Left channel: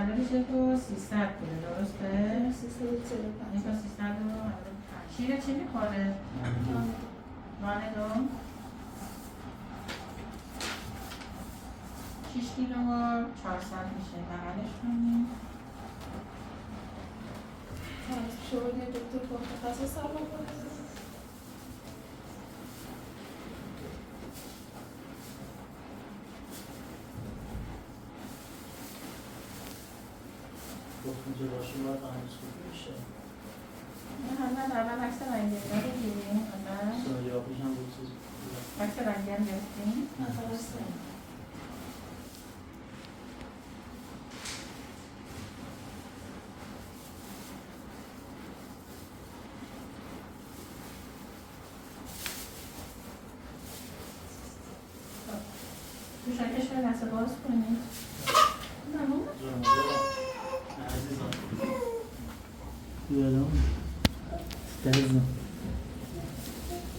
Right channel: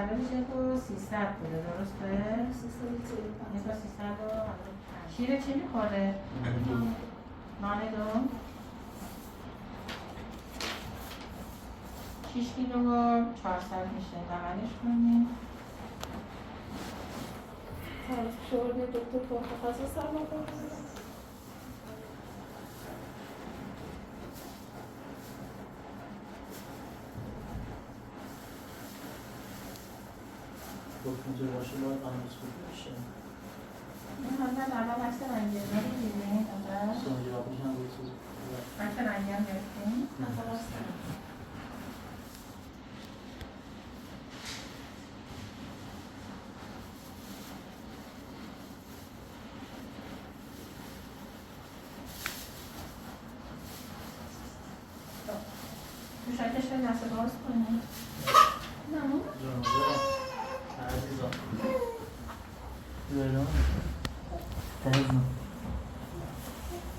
متولدش 1300 بوده درسته؟ 1345 شیر چی میخوره؟ نانه 6 کیلو و 400 میشه بغلش کنیم شما یه دکتر متخصص هم بکنید گفتیم که باشه باید اندوسکوپی میشه محمد اول عکس رنگی رو بگیریم سونوگرافیش هم بود چیز عکس رنگی هم گرفتیم تو شاکش به دست باز کنیم نمون عزیزم تهزم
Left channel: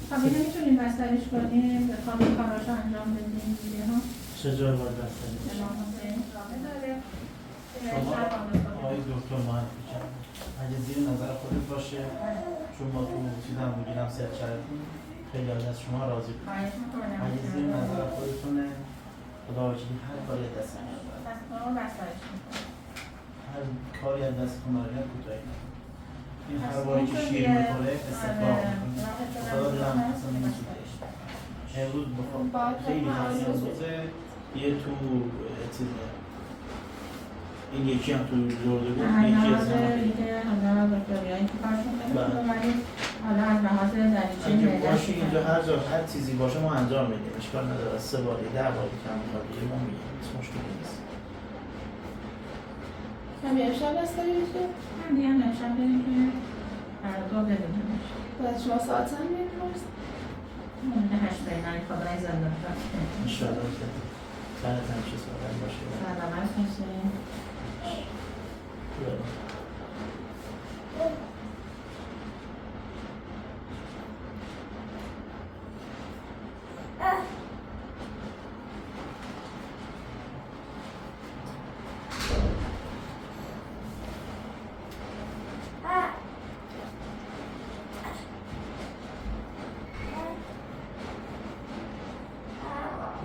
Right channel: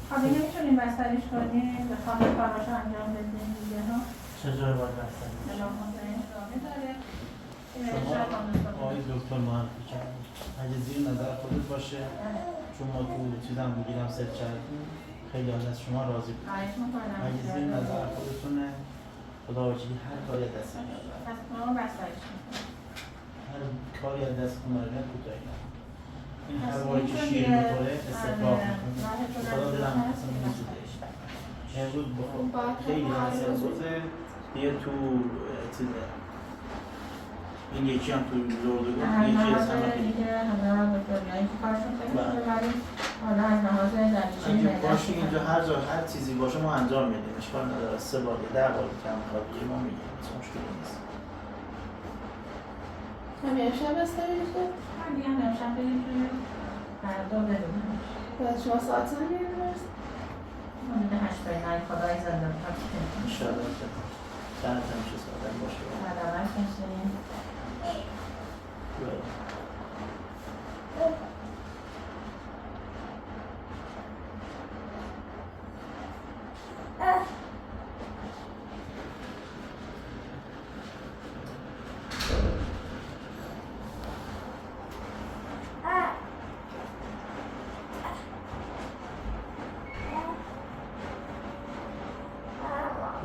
حالا نمیتونیم بسترش کنیم به خواب کاراش انجام بدیم دیگه ها چجور باید بسترش شما آقای دکتر معرفی کرد اگه زیر نظر خودت باشه چون ما تو چیزم بگیرم سرچ کردیم خیلی از شما راضی بود اگه زیر نظر خودتونه خدا وکیلی هر کاری از دست میاد پس ما بسترش میکنیم هر کاری از دست کناره کوتاهی این هوایی که شیر میخوره استفراغ میکنه خدا دلم اصلا نمیزودش امروز بخواه خیلی هست امروزه یه تو چیزه این یکی هم تو زردگو یکی از همه همه بکتریایی که کارشون خیلی خوبه ولی حالا از لحاظ دریچه اگه معده‌ش باشه اینجا هر جا هر چیزی باشه ما انجام میدیم اشکال نداره 3 بار 10 بار کم میخواد دیگه ما میگیم هیچ مشکلی نیست همین امشب بستری میشه؟ من دیگه هم امشب بریم که فردا ببینمش بعد شما ساعت هم میریم مونده 8 بینن خدای زندان انشاءالله که دهنت همیشه سالم باشه سلامت باشین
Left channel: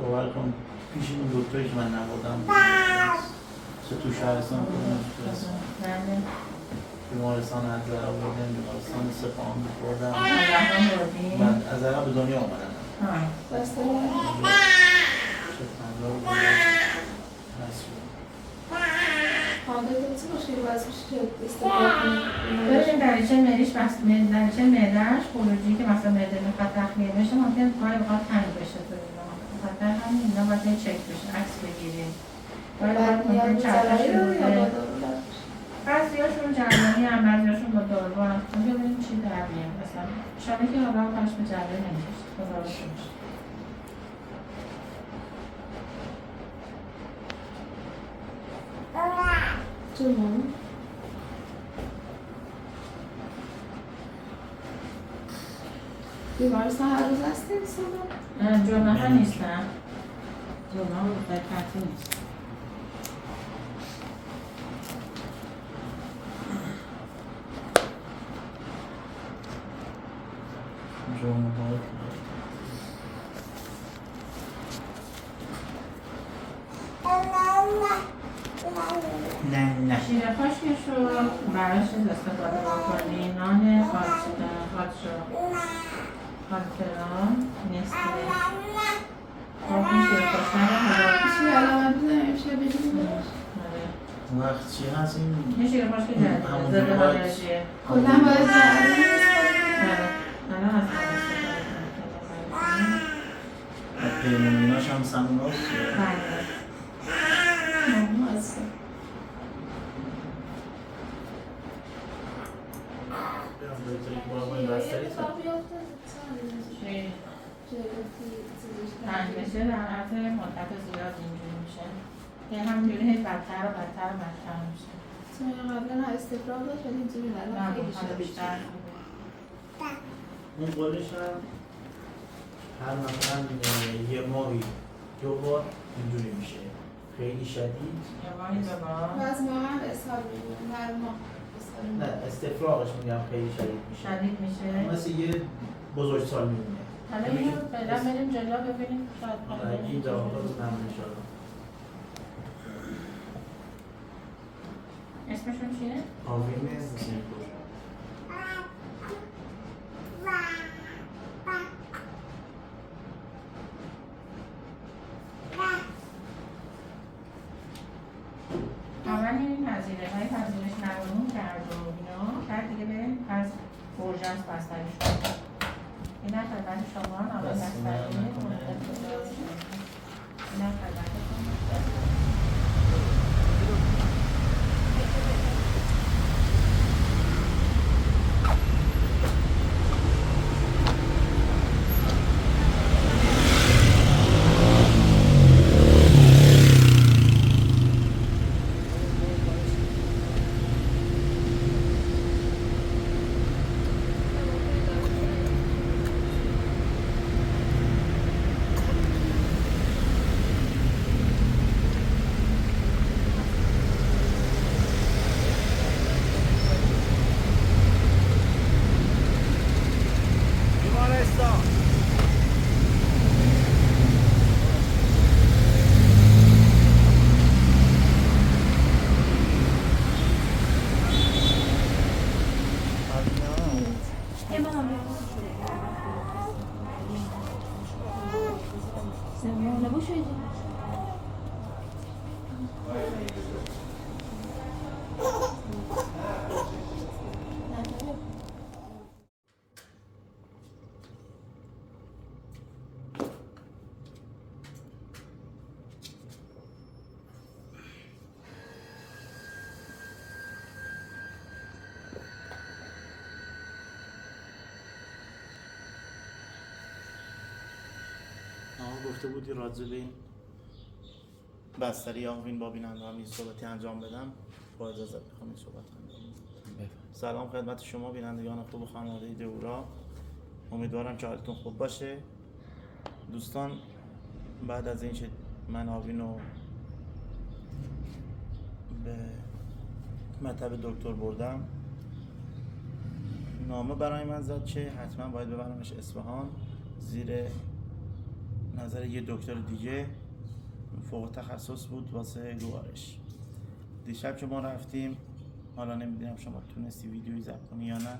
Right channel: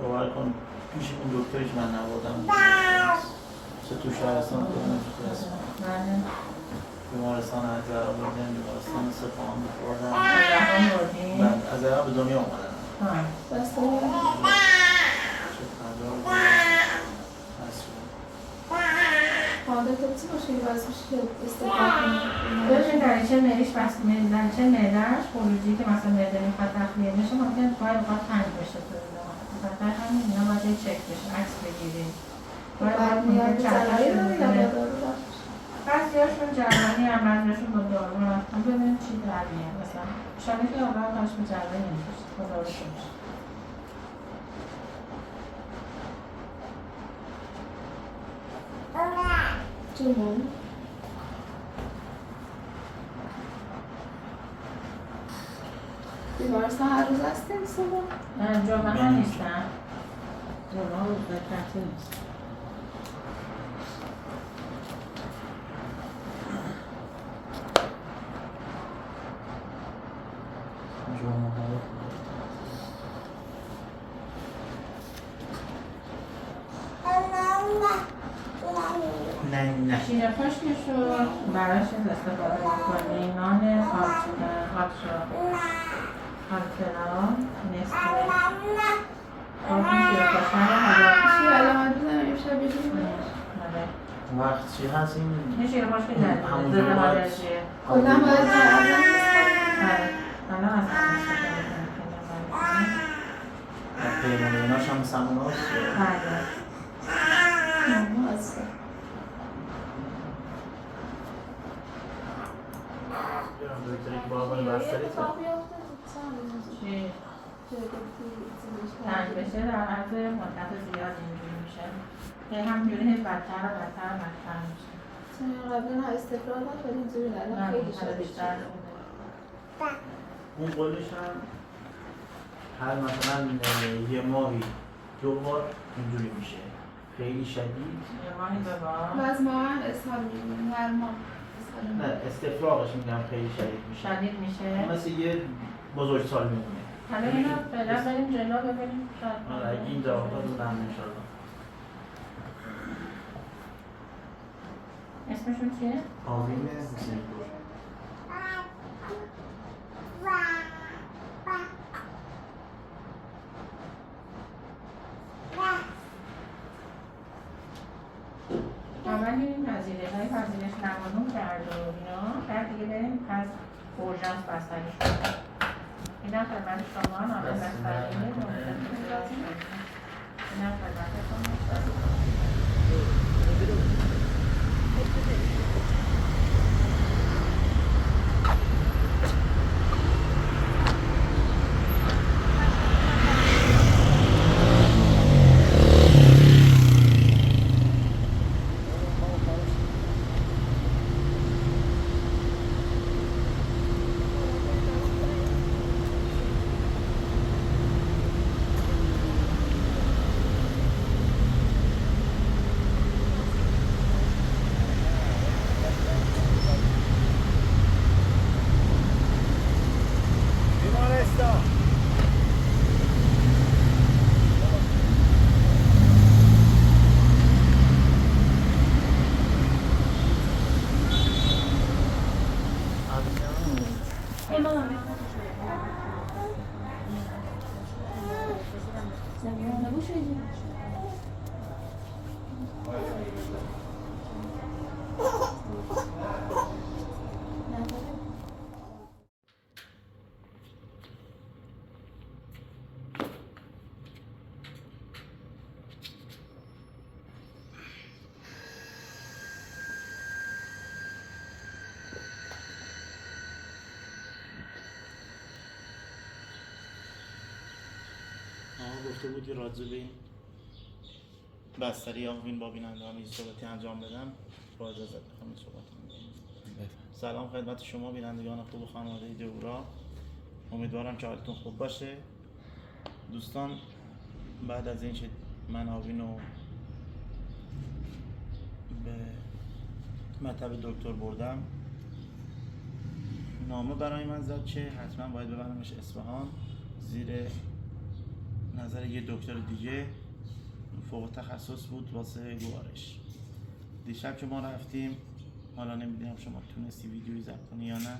باور کن پیش اون دکتری که من نبودم چه تو شهرستان کنم بیمارستان حضر آوردن بیمارستان سپاهان بخوردم بعد از ایران به دنیا آمدن بستری چه تنگا بود حالت چی باشه یه وضعش که استفاده کنید ببینید دریچه معده‌اش دریچه معده‌اش خروجی که مثلا معده میخواد تخلیه بشه ممکنه گاهی اوقات تنگ بشه تو خاطر همین اینا باید چک بشه عکس بگیریم بعد نیاز به جراحی رو یا با دارو بعضی‌هاشون جراحی هم بعضی‌هاشون با دارو هم ببینیم چی در میاد مثلا شاید که حالا کاش به جراحی نمیشه خدا رو شکر جون بیمارستان هر روز هستیم صبح؟ جمعه ها نیستن جمعه ها روزای تعطیل نیست نه شیر خشکش رو براش استفاده بکنی نان خاطران نسته خب این شیر خشک رو حالا چی علامت بزنم امشب بگیریم وقت چی هست این شیر خشک جدیده ضد آلرژیه کلا باید جراحی حالا از هم استفاده کنیم پیمون ایناش هم سمون هاست هستم تنگ بشه در حالت مدت زیاد اینجوری میشه که همینجوری بدتر و بدتر و بدتر میشه چون قبلا استفراغ داشت ولی اینجوری نه خیلی شده بیشتر اون قولش هم هر مثلا یه ماهی 2 بار اینجوری میشه خیلی شدید جوانی بابا و از ماهن اسهال می‌بینیم هر ماه اسهال نه می‌بینیم. استفراغش میگم خیلی شدید میشه شدید میشه مثل یه بزرگسال میمونه حالا اینو فعلا بریم جلو ببینیم شاید اگه این جواب رو نم میشدم اسمشون چیه؟ آوین حسینی پور اول این پذیرش مقانون کرد و اینا بعد دیگه بریم از اورژانس بستری شد اینا خدمت شما نامه بستری اینا خدمتتون گفته بودی راجع به این بستری آوین با بیننده هم این صحبتی انجام بدم با اجازت میخوام این صحبت انجام بدم. سلام خدمت شما بینندگان خوب و خانواده دهورا، امیدوارم که حالتون خوب باشه. دوستان بعد از اینکه من آوین رو به مطب دکتر بردم نامه برای من زد که حتما باید ببرمش اصفهان زیر نظر یه دکتر دیگه فوق تخصص بود واسه گوارش. دیشب که ما رفتیم، حالا نمیدونم شما تونستی ویدیویی ضبط کنی یا نه،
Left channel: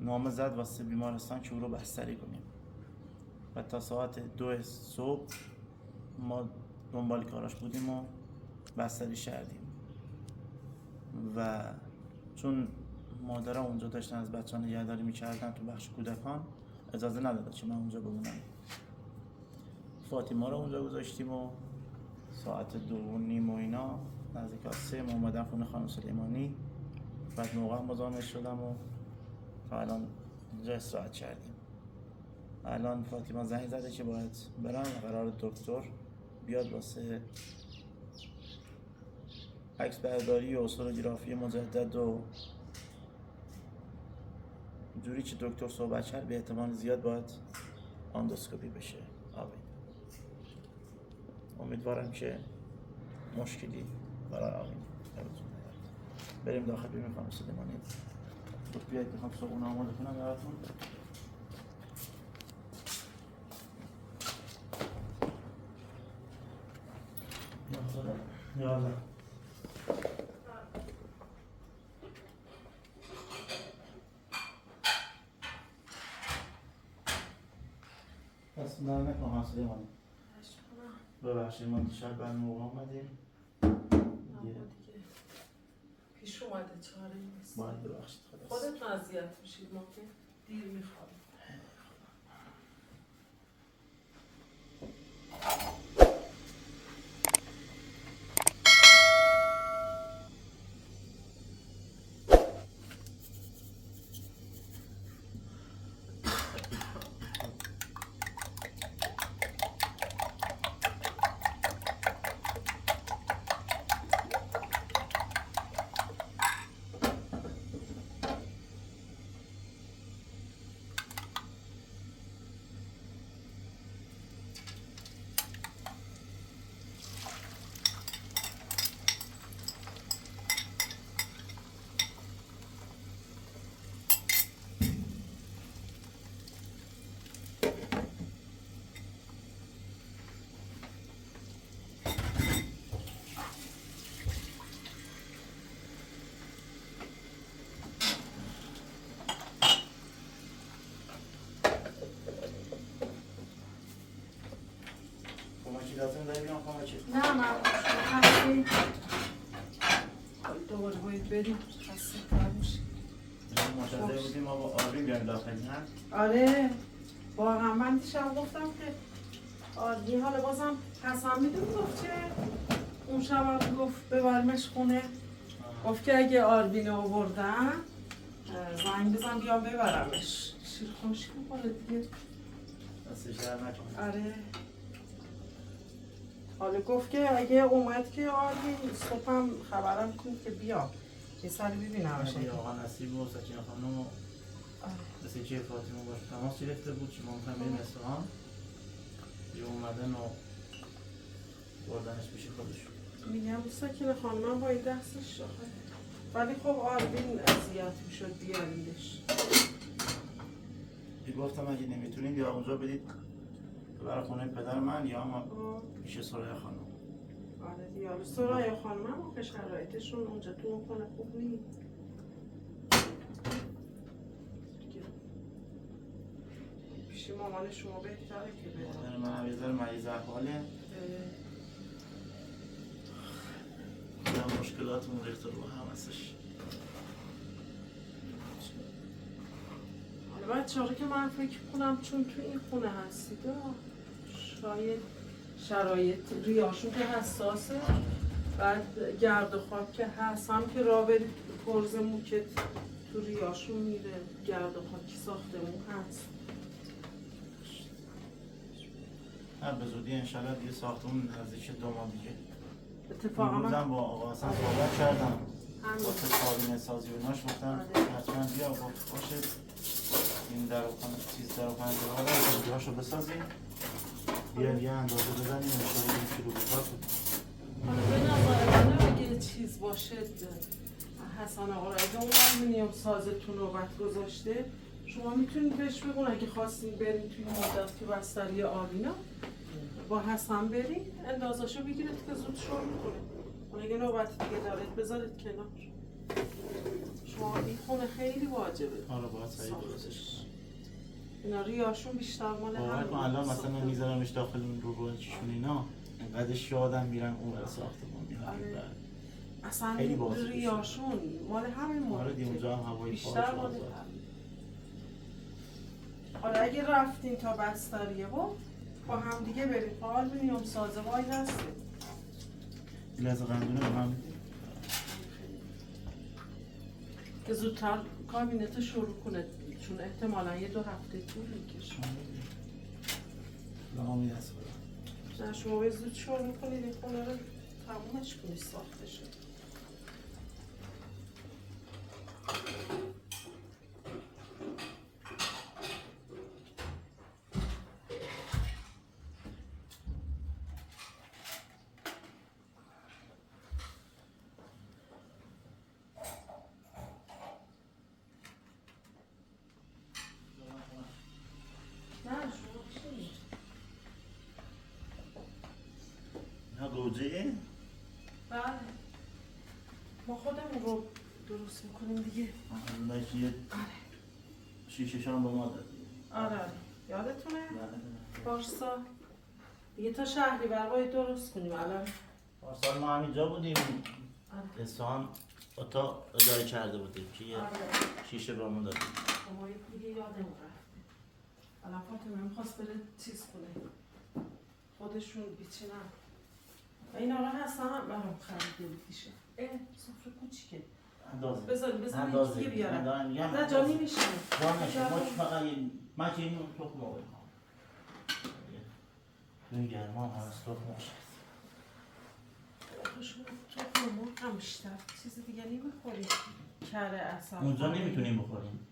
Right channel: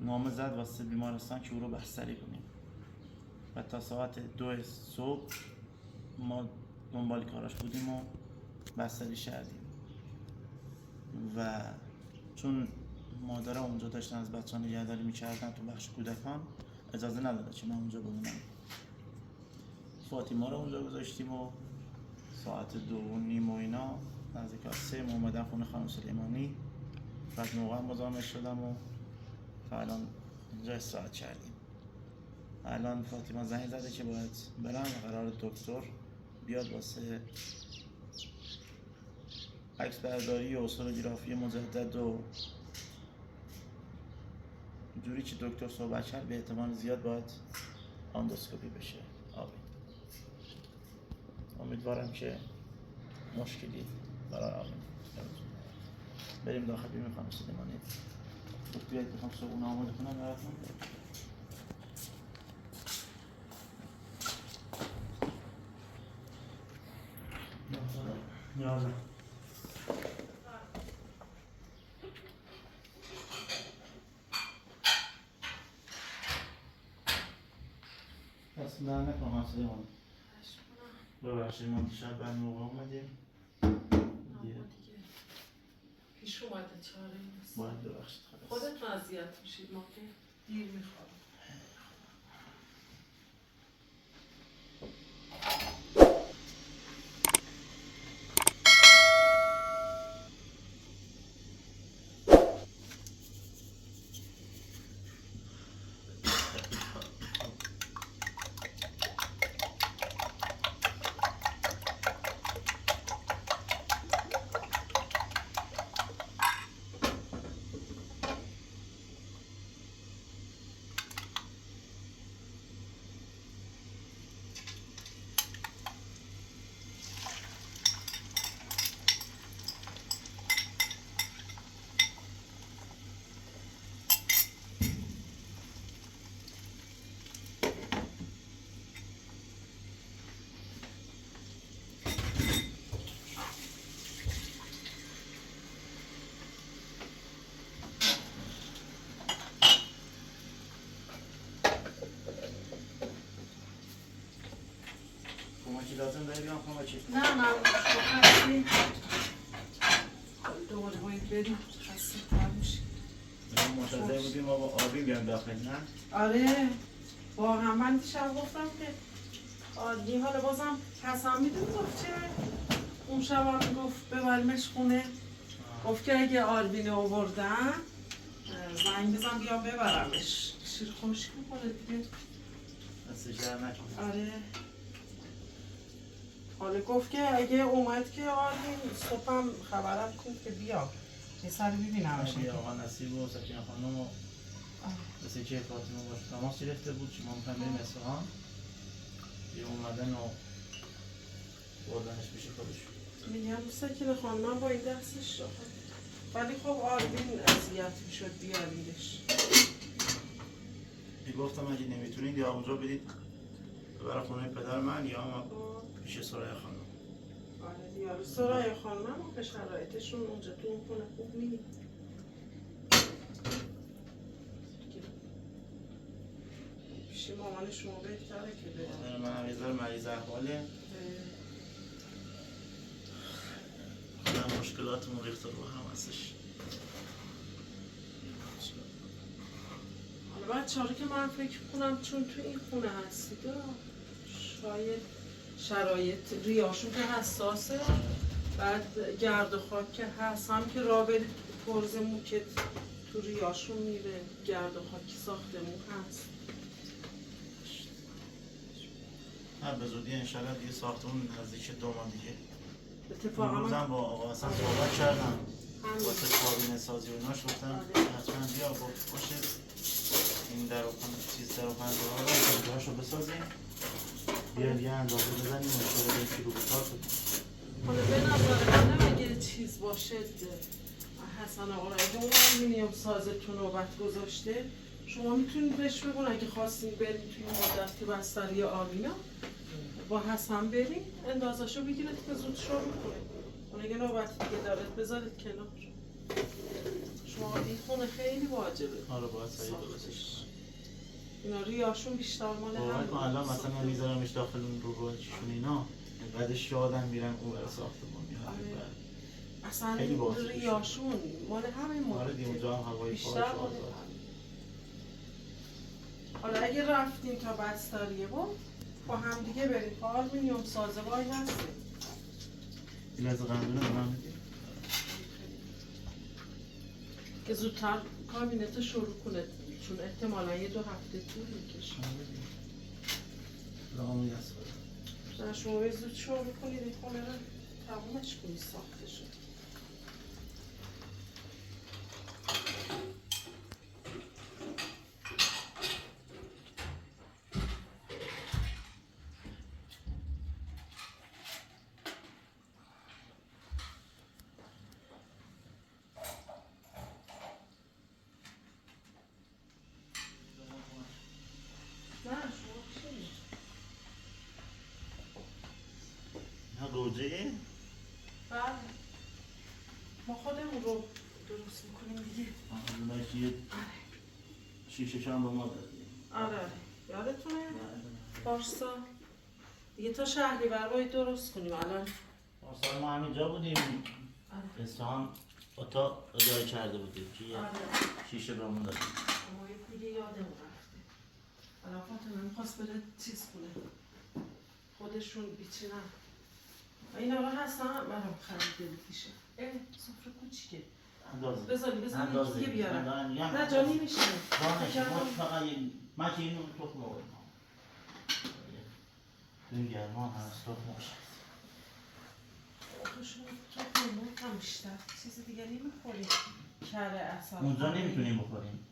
نامه زد واسه بیمارستان که او رو بستری کنیم و تا ساعت 2 صبح ما دنبال کاراش بودیم و بستری کردیم و چون مادرها اونجا داشتن از بچه ها نگهداری میکردن تو بخش کودکان اجازه نداده که من اونجا بمونم. فاطمه رو اونجا گذاشتیم و ساعت 2:30 و اینا نزدیک 3 ما اومدم خونه خانم سلیمانی. بعد موقع مزاحمش شدم و تا الان اینجا استراحت کردیم. الان فاطمه زنگ زده که باید برم و قرار دکتر بیاد واسه عکس برداری و سونوگرافی مجدد و جوری که دکتر صحبت کرد به احتمال زیاد باید اندوسکوپی بشه. امیدوارم که مشکلی برای آقای بریم داخل ببینیم خانم سلیمانی. بود بیاید میخوام صبحونه آماده کنم براتون. یالا دست در نکن خانم سلیمانی. ببخشید ما دیشب بعد موقع اومدیم پیش اومده چاره نیست. باید ببخشید خودت اذیت میشید، ما که دیر میخوابیم. همه چی لازم داری بیام خونه چی؟ نه شما هستی دوباره باید بریم خسته تر میشی. منتظر بودیم ما با آربین بیام داخل نه؟ آره واقعا من دیشب گفتم که آربین حالا بازم حسن میدون گفت چه اون شب هم گفت ببرمش خونه گفت که اگه آربین آوردن زنگ بزن بیام ببرمش شیر خمشی میکنه دیگه دست شهر نکن آره حالا گفت که اگه اومد که آربین صبحم خبرم کنید که بیا یه سری ببینمش یه آقا نصیب و سکینه خانم و مثل چه فاطمه باشه تماس گرفته بود چی ما میخوایم بریم اصفهان یه اومدن و بردنش میشه خودشون میگم سکینه خانم با این دستش شد ولی خب آربین اذیت میشد بیاریدش گفتم اگه نمیتونید یا اونجا برید برای خونه پدر من یا اما پیش سرای خانم آره دیاره سرای خانم هم که شرایطشون اونجا تو اون خونه خوب نیست پیش مامان شما بهتره که برم من هم یه ذره مریض احواله خودم مشکلاتمون ریخته رو هم هستش حالا بچه ها رو که من فکر کنم چون تو این خونه هستید شاید شرایط ریاشون که حساسه بعد گرد و خاک که هست هم که راه برید پرز موکت تو ریاشون میره گرد و خاکی ساختمون هست نه به زودی انشالله دیگه ساختمون نزدیک 2 ماه دیگه اتفاقا اون روزم با آقا حسن صحبت کردم همین واسه کابینه سازی و ایناش گفتم حتما بیا گفت باشه این در و چیز در و پنجره ها رو پنجرهاشو بسازیم بیا یه اندازه بزنیم انشالله این کیلو بکار شد حالا به نظر من اگه چیز باشه حسن آقا اگه اون آلومینیوم سازتون نوبت گذاشته شما میتونید بهش بگون اگه خواستین برین توی مدت تو بستری آبینا با حسن برین اندازاشو بگیرید که زود شروع کنه اون اگه نوبت دیگه دارید بذارید کنار شما این خونه خیلی واجبه آره باید سریع درستش اینا ریاشون بیشتر مال باور کن الان مثلا میذارمش داخل این رو چیشون اینا اینقدرش یادم میرن اون برای ساختمون میاد اصلا خیلی باحال ریاشون مال همین مدل آره دی اونجا هم هوای بیشتر پاک مال شد همین. حالا اگه رفتین تا بستریه با هم دیگه بریم تا آلومینیوم سازه وای هستیم این از قندونه به من میدی که زودتر کابینت شروع کنه چون احتمالا 1-2 هفته طول میکشه لغامی دست کنم شما به زود شروع کنید این خونه رو تمومش کنید ساخته شد گوجه بله ما خودمون رو درست میکنیم دیگه اونایی که یه شیشه هم به ما دادی آره یادتونه؟ پارسا دیگه تا شهری باید درست کنیم الان پارسال ما همینجا بودیم اصفهان اتاق اجاره کرده بودیم که یه شیشه به ما دادیم ما دیگه یادم رفته الان فاطمه میخواست بره چیز کنه خودشون بیچینن این آقا هستن برام خریده دیشه سفره کوچیکه بذار یکی بیارم نه جانی میشه فقط من که اینو تخم آوریم این گرمان هست تخم میشه شما تخم مرغ هم بیشتر چیز دیگه نمیخوریم کره اصلا اونجا نمیتونیم بخوریم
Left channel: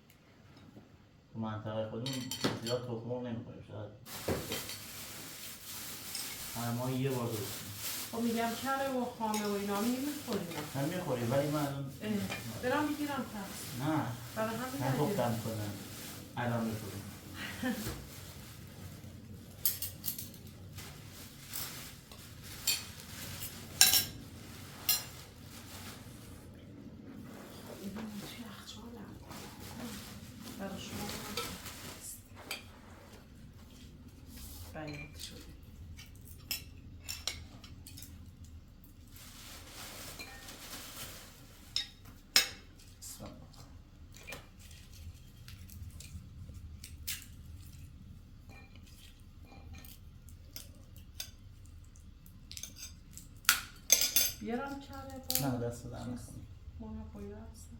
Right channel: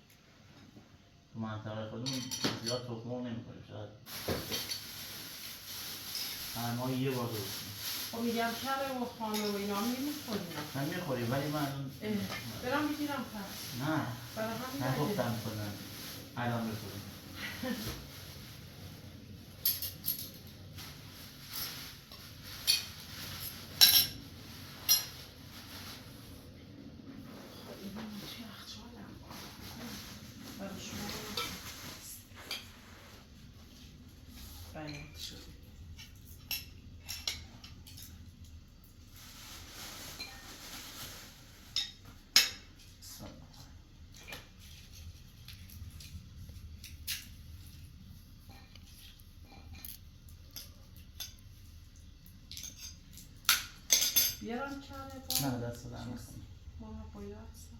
تو منطقه خودمون زیاد تخم مرغ نمیخوریم شاید هر ماه یه بار درست خب میگم کره و خامه و اینا نمیخوریم من میخوریم ولی من الان برم بگیرم پس نه برای همین نگفتم کنم الان میخوریم بیارم کره نه دست در نکنی. ما باید هستم.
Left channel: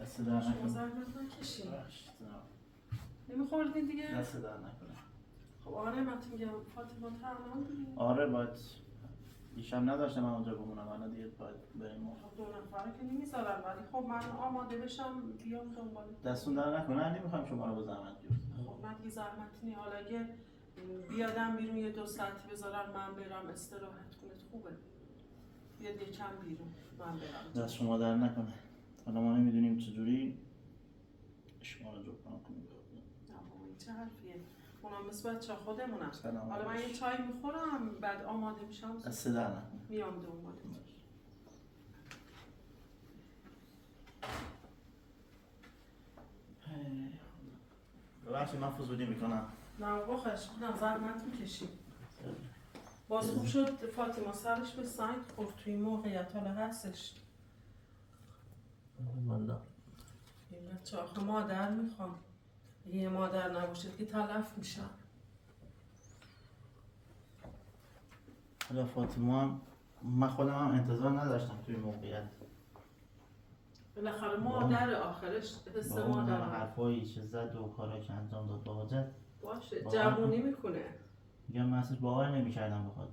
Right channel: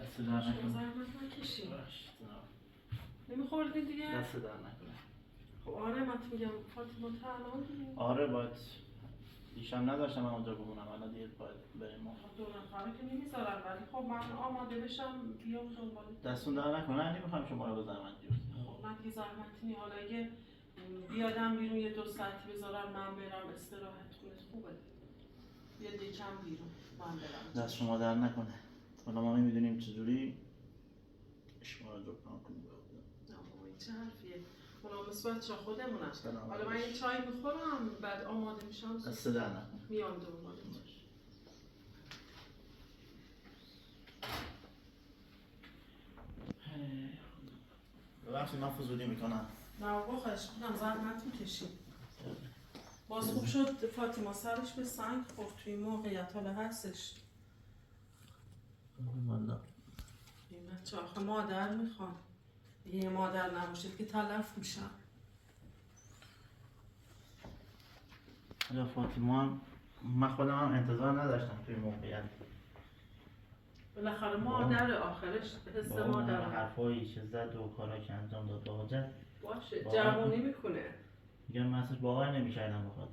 دست در شما نکنی. زحمت نکشین. باش، جناب. نمیخوردین دیگه؟ دست در نکنه. خب آره من تو میگم فاطمه تا الان دیگه. آره باید دیشب نداشتم من اونجا بمونم، الان دیگه باید بریم. خب 2 نفره که نمیذارن ولی خب من آماده بشم بیام دنبال. دستون در نکنه، نمیخوام شما رو به زحمت بیفتید. خب من دیگه زحمتی نی، حالا اگه بیادم بیرون یه 2 ساعتی بذارن من برم استراحت کنه خوبه. بیاد یکم بیرون من برم. دست شما در نکنه. حالا ما نمیدونیم چجوری شما رو جبران کنیم. نه بابا این چه حرفیه؟ اونا مثل بچه خودمونم. سلام حالا من یه چای میخورم بعد آماده میشم دست در نکنه. میام دنبالت. ببخشید من فضولی میکنم. نه بابا خواهش میکنم زحمت میکشیم. باز خوب شد فاطمه سرش به سنگ خورد توی موقعیت حالا هستش. والا این بچه آخه مادر میخوام. یه مادر نباشه که تلف میشن. حالا فاطمه هم من خودم هم انتظار نداشتم توی موقعیت. بالاخره مادر آخرش حس با اون مادر حرفایی که زد و کارا که انجام داد با حاجت باشه جوونی میکنه. میگم من اصلا باور نمیکردم بخواد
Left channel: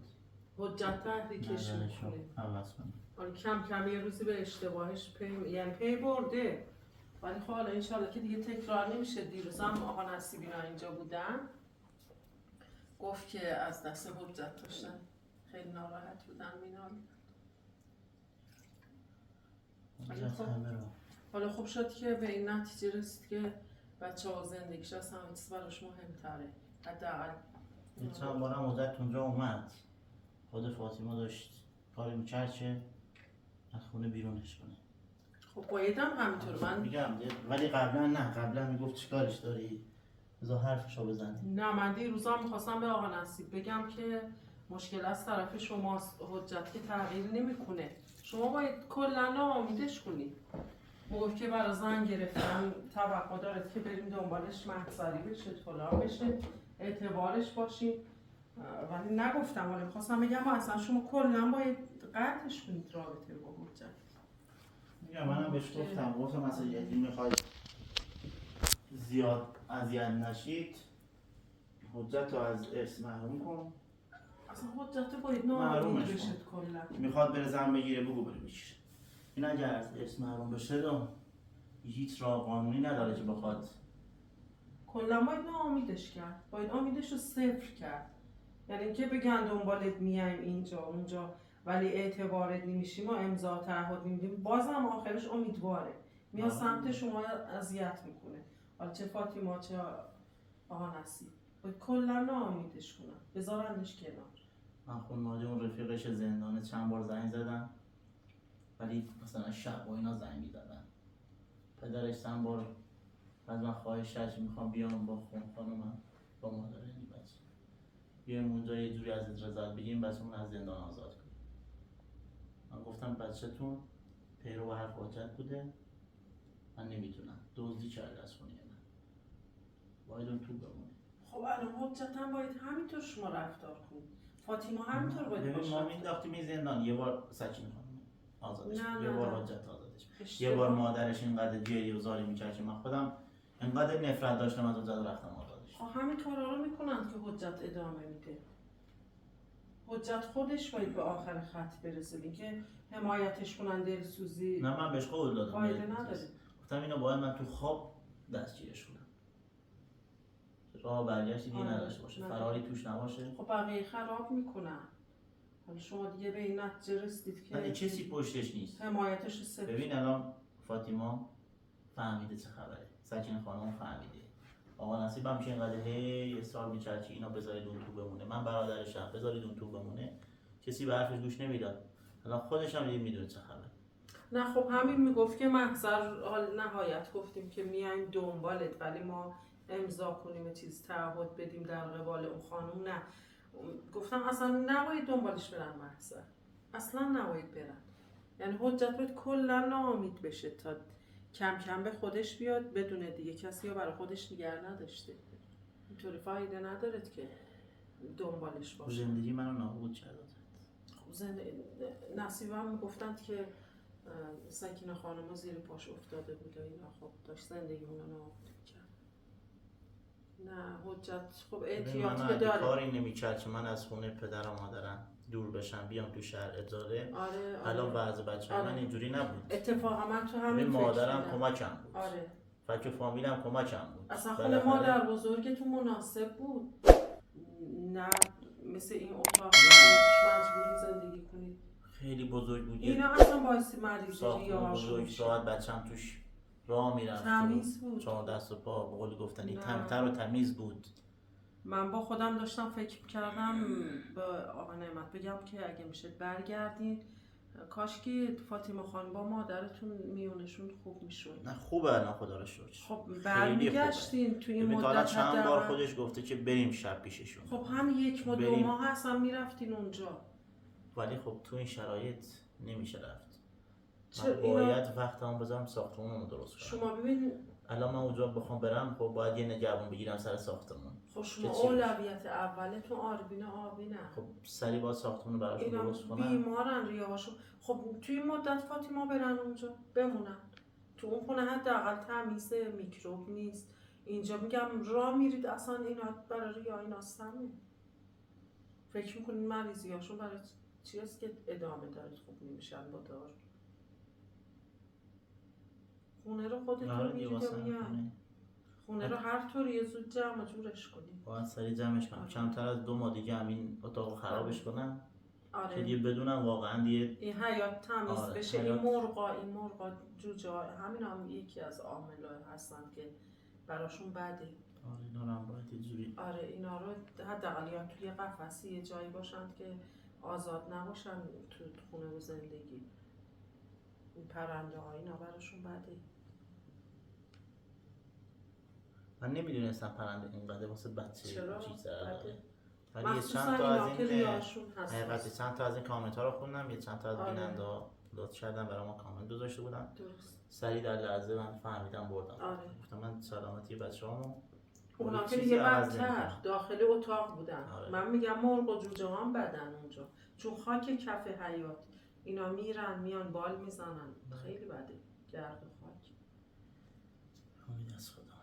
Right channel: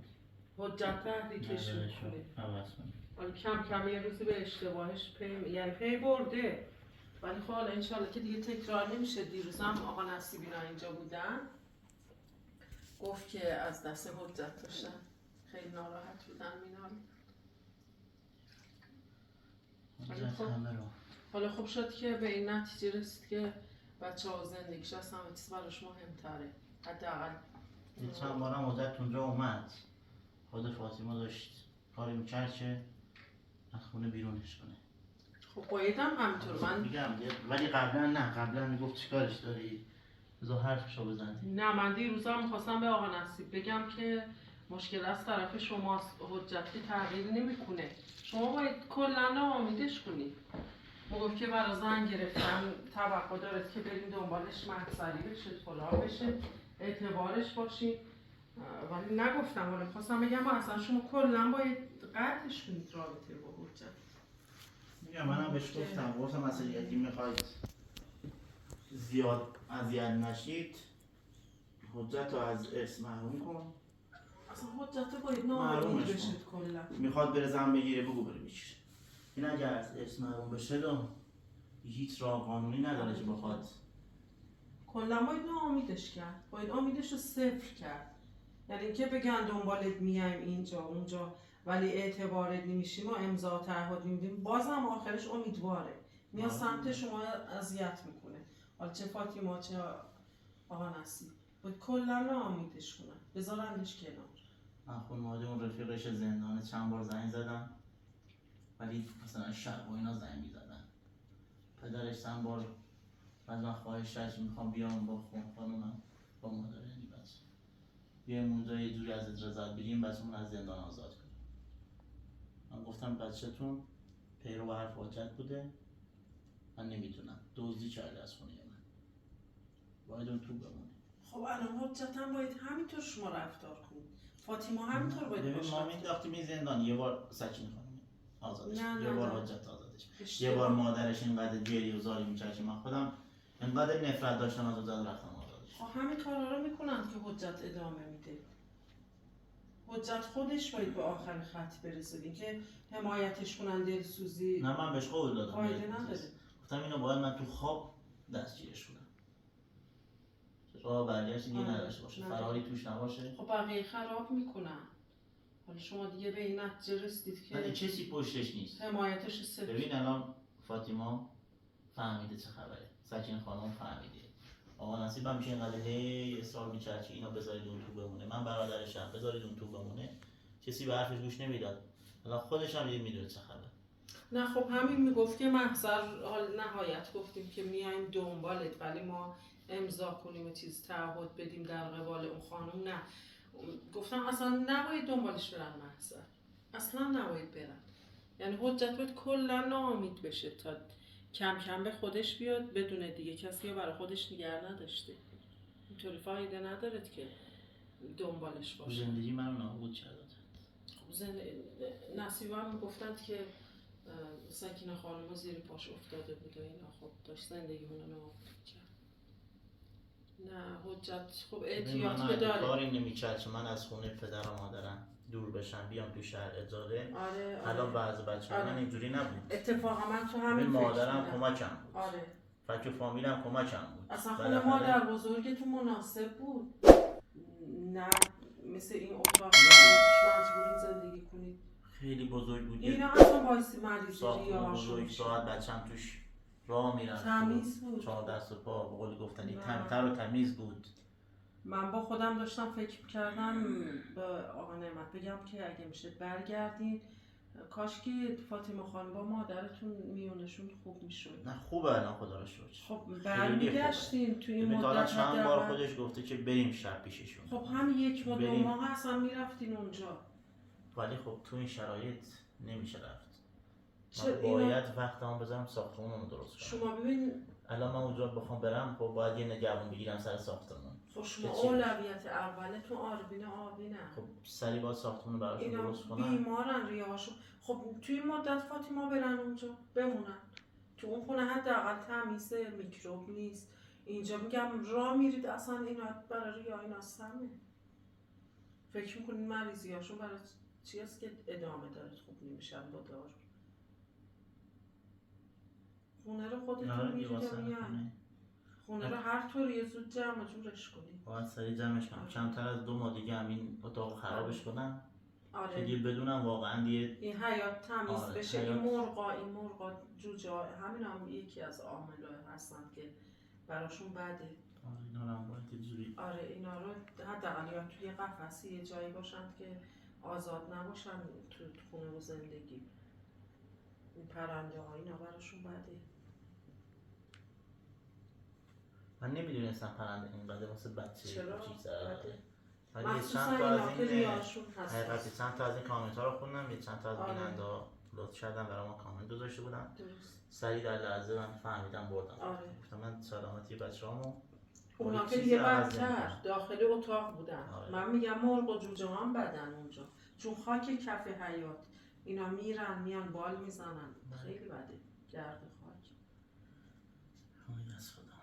حجت تحریکش نظرشو میکنه. عوض کنه. حالا کم کم یه روزی به اشتباهش یعنی پی برده. ولی خب حالا انشالله که دیگه تکرار نمیشه. دیروز هم آقا نصیبینا اینجا بودن گفت که از دست حجت داشتن خیلی ناراحت بودن مینال. حجت همه رو حالا خوب شد که به این نتیجه رسید که بچه ها زندگیش از همه چیز براش مهمتره. حداقل یه چند بارم حجت اونجا اومد، خود فاطمه داشت کاری میکرد که از خونه بیرونش کنه. خب بایدم همینطور من میگم ولی قبلا میگفت چیکارش داری بذار حرفشو بزنی. نه من دیروزا میخواستم به آقا نصیب بگم که مشکل از طرف شماست. حجت که تغییر نمیکنه. شما باید کلا ناامیدش کنید. میگفت که برای زن گرفتن توقع دارد که بریم دنبالش محضری بشه فلان بشه اعتبارش باشید. ولی نگفتم ولی میخواستم بگم اصلا شما کلا باید قطعش کنید رابطه با حجت. میگم منم بهش گفتم مثلا یکی میخواید زیاد اذیت نشید حجت رو از ارث محروم کن. اصلا حجت باید ناامید محرومش بشه کن. کلا. میخواد بره زن بگیره بگو بره بگیره. این اگر از ارث محروم بشه هیچ راه قانونی نداره که بخواد. کلا باید ناامیدش کرد. باید امیدش رو صفر کرد. یعنی اینکه بگن دنبالت میایم اینجا اونجا ولی اعتبارت نمیشیم و امضا تعهد نمیدیم بازم آخرش امیدواره میاد سمت شما اذیت میکنه. حالا چه فاطمه چه آقا نصیب باید کلا ناامیدش کنن بذارنش کنار. من خانواده اون رفیقش زندانه چند بار زنگ زدم ولی مثلا شب و اینا زنگ میزدن. پدرش چند بار از من خواهش کرد که میخوام بیام با خانومم با مادر یعنی بچه بیایم اونجا یه جوری از رضایت بگیم بچه‌مون از زندان آزاد کنیم. من گفتم بچه‌تون پیرو حرف حجت بوده، من نمیتونم دزدی کرده از خونه من، باید اون تو بمونه. خب الان حجت هم باید همینطور شما رفتار کنید. فاطمه همینطور باید باشه. ما مینداختیم این زندان یه بار سکین خانم آزادش نه، یه نه، بار نه. حجت آزادش اشتباه. یه بار مادرش اینقدر جری و زاری میکرد که من خودم اینقدر نفرت داشتم از حجت رفتم آزادش. خب همین کارا رو میکنن که حجت ادامه میده. حجت خودش باید به آخر خط برسه که حمایتش کنن دلسوزی. نه من بهش قول دادم فایده نداره. گفتم اینو باید من تو خواب دستگیرش کنم راه برگشت دیگه نداشته باشه فراری توش نباشه. خب بقیه خراب میکنن. حالا شما دیگه به این نتیجه رسیدید که ولی کسی پشتش نیست. حمایتش صفر. ببین الان فاطمه فهمیده چه خبره، سکین خانم فهمیده، آقا نصیب هم میشه اینقدر هی اصرار میکرد که اینا بذارید اون تو بمونه، من برادرشم بذارید اون تو بمونه، کسی به حرفش گوش نمیداد. الان خودش هم دیگه میدونه چه خبره. نه خب همین میگفت که محضر حال نهایت گفتیم که میایم دنبالت ولی ما امضا کنیم و چیز تعهد بدیم در قبال اون خانم. نه گفتم اصلا نباید دنبالش برن محضر، اصلا نباید برن. یعنی حجت باید کلا ناامید بشه تا کم کم به خودش بیاد بدونه دیگه کسی رو برای خودش نگه نداشته. اینطوری فایده نداره که دنبالش باشه. زندگی منو نابود کرد. نصیبه هم گفتند که سکینه خانم زیر پاش افتاده بود و اینا، خب داشت زندگی اونو نابود کرد. نه حجت خب احتیاط که داره. کاری نمی‌کرد که من از خونه پدر و مادرم دور بشم بیام تو شهر اداره. آره. الان وضع بچه‌ها من اینجوری نبود. اتفاقا من تو همین فکر مادرم کمکم بود. آره. فکر فامیلم کمکم بود. اصلا خونه مادر بزرگتون مناسب بود. نه مثل این اتاق مجبوری زندگی کنید. خیلی بزرگ بود. اینا اصلا باعث مریضی یا بزرگ ساعت بچه‌م توش راه میرفت. تمیز بود. 4 دست و پا به قول گفتنی تمیزتر و تمیز بود. من با خودم داشتم فکر کردم به آقا نعمت بگم که اگه میشه برگردین، کاش که فاطمه خانم با مادرتون میونشون خوب میشد. نه خوبه الان خدا رو شکر. خب برمیگشتین توی این مدت چند بار خودش گفته که بریم شب پیششون. خب هم 1 ماه 2 ماه اصلا میرفتین اونجا. ولی خب تو این شرایط نمیشه رفت. من باید وقتمو بذارم ساختمون رو درست کنم. شما ببین الان من اونجا بخوام برم خب باید یه نگهبان بگیرم سر ساختمون. خب شما اولویت اولتون آربینه. خب سری با ساختمون رو براشون درست کنم. بیمارن ریه‌هاشون. خب توی مدت فاطمه برن اونجا بمونن. تو اون خونه حداقل تمیزه، میکروب نیست. اینجا میگم راه میرید اصلا اینا برای ریه اینا سمه. فکر میکنین مریضیاشون برای چی هست که ادامه داره خوب نمیشن با دار. خونه رو خودتون میرید یا میان؟ خونه رو هر طور یه زود جمع جورش کنید. باید سریع جمعش کنم. کمتر از 2 ماه دیگه همین اتاق خرابش کنم. آره. که دیگه بدونم واقعا دیگه این حیات تمیز بشه. این مرغا جوجا همین هم یکی از عامل‌ها هستن که براشون بده. آره اینا هم باید یه جوری. آره اینا رو حداقل یا توی قفسی یه جایی باشن که آزاد نباشن تو خونه و زندگی. این پرنده ها اینا براشون بده. من نمیدونستم پرنده این بده واسه بچه. چرا؟ بده. ولی چند تا از این حقیقتی چند تا از این کامنت ها رو خوندم. یه چند تا از بیننده ها لطف کردن برای ما کامنت گذاشته بودن. سریع در لحظه من فهمیدم بردم. آره. گفتم من سلامتی بچه‌هامو. اونا که دیگه بدتر داخل اتاق بودن. آره. من میگم مرغ و جوجه هم بدن اونجا چون خاک کف حیات اینا میرن میان بال میزنن. خیلی بده گرد خاک.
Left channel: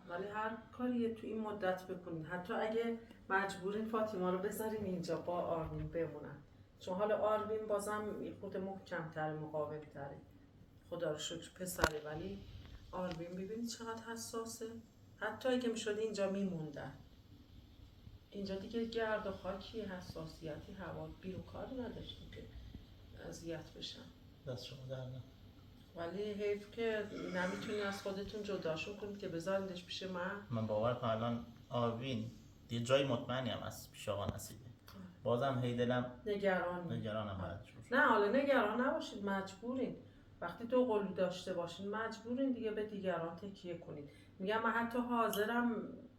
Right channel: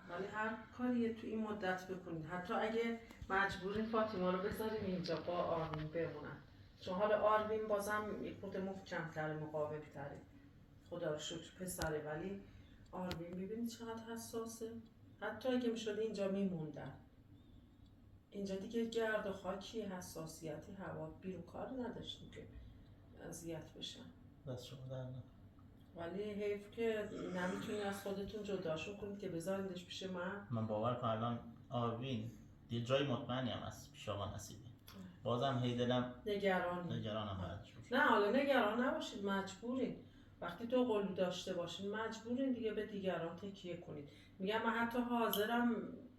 ولی هر کاری تو این مدت بکنین، حتی اگه مجبورین فاطمه رو بذارین اینجا با آرمین بمونن، چون حالا آرمین بازم خود محکم‌تره مقاوم‌تره خدا رو شکر پسره، ولی آرمین ببینید چقدر حساسه. حتی اگه میشد اینجا میموندن، اینجا دیگه گرد و خاکی حساسیتی هوا بیرون کاری نداشتیم که اذیت بشن. دست شما در نه. ولی حیف که نمیتونی از خودتون جداشون کنید که بذاریدش پیش من باور کنم الان آروین یه جای مطمئنی هم از پیش آقا نصیبه. بازم هی دلم نگرانم. نه حالا نگران نباشید، مجبورین وقتی تو قلو داشته باشین مجبورین دیگه به دیگران تکیه کنید. میگم من حتی حاضرم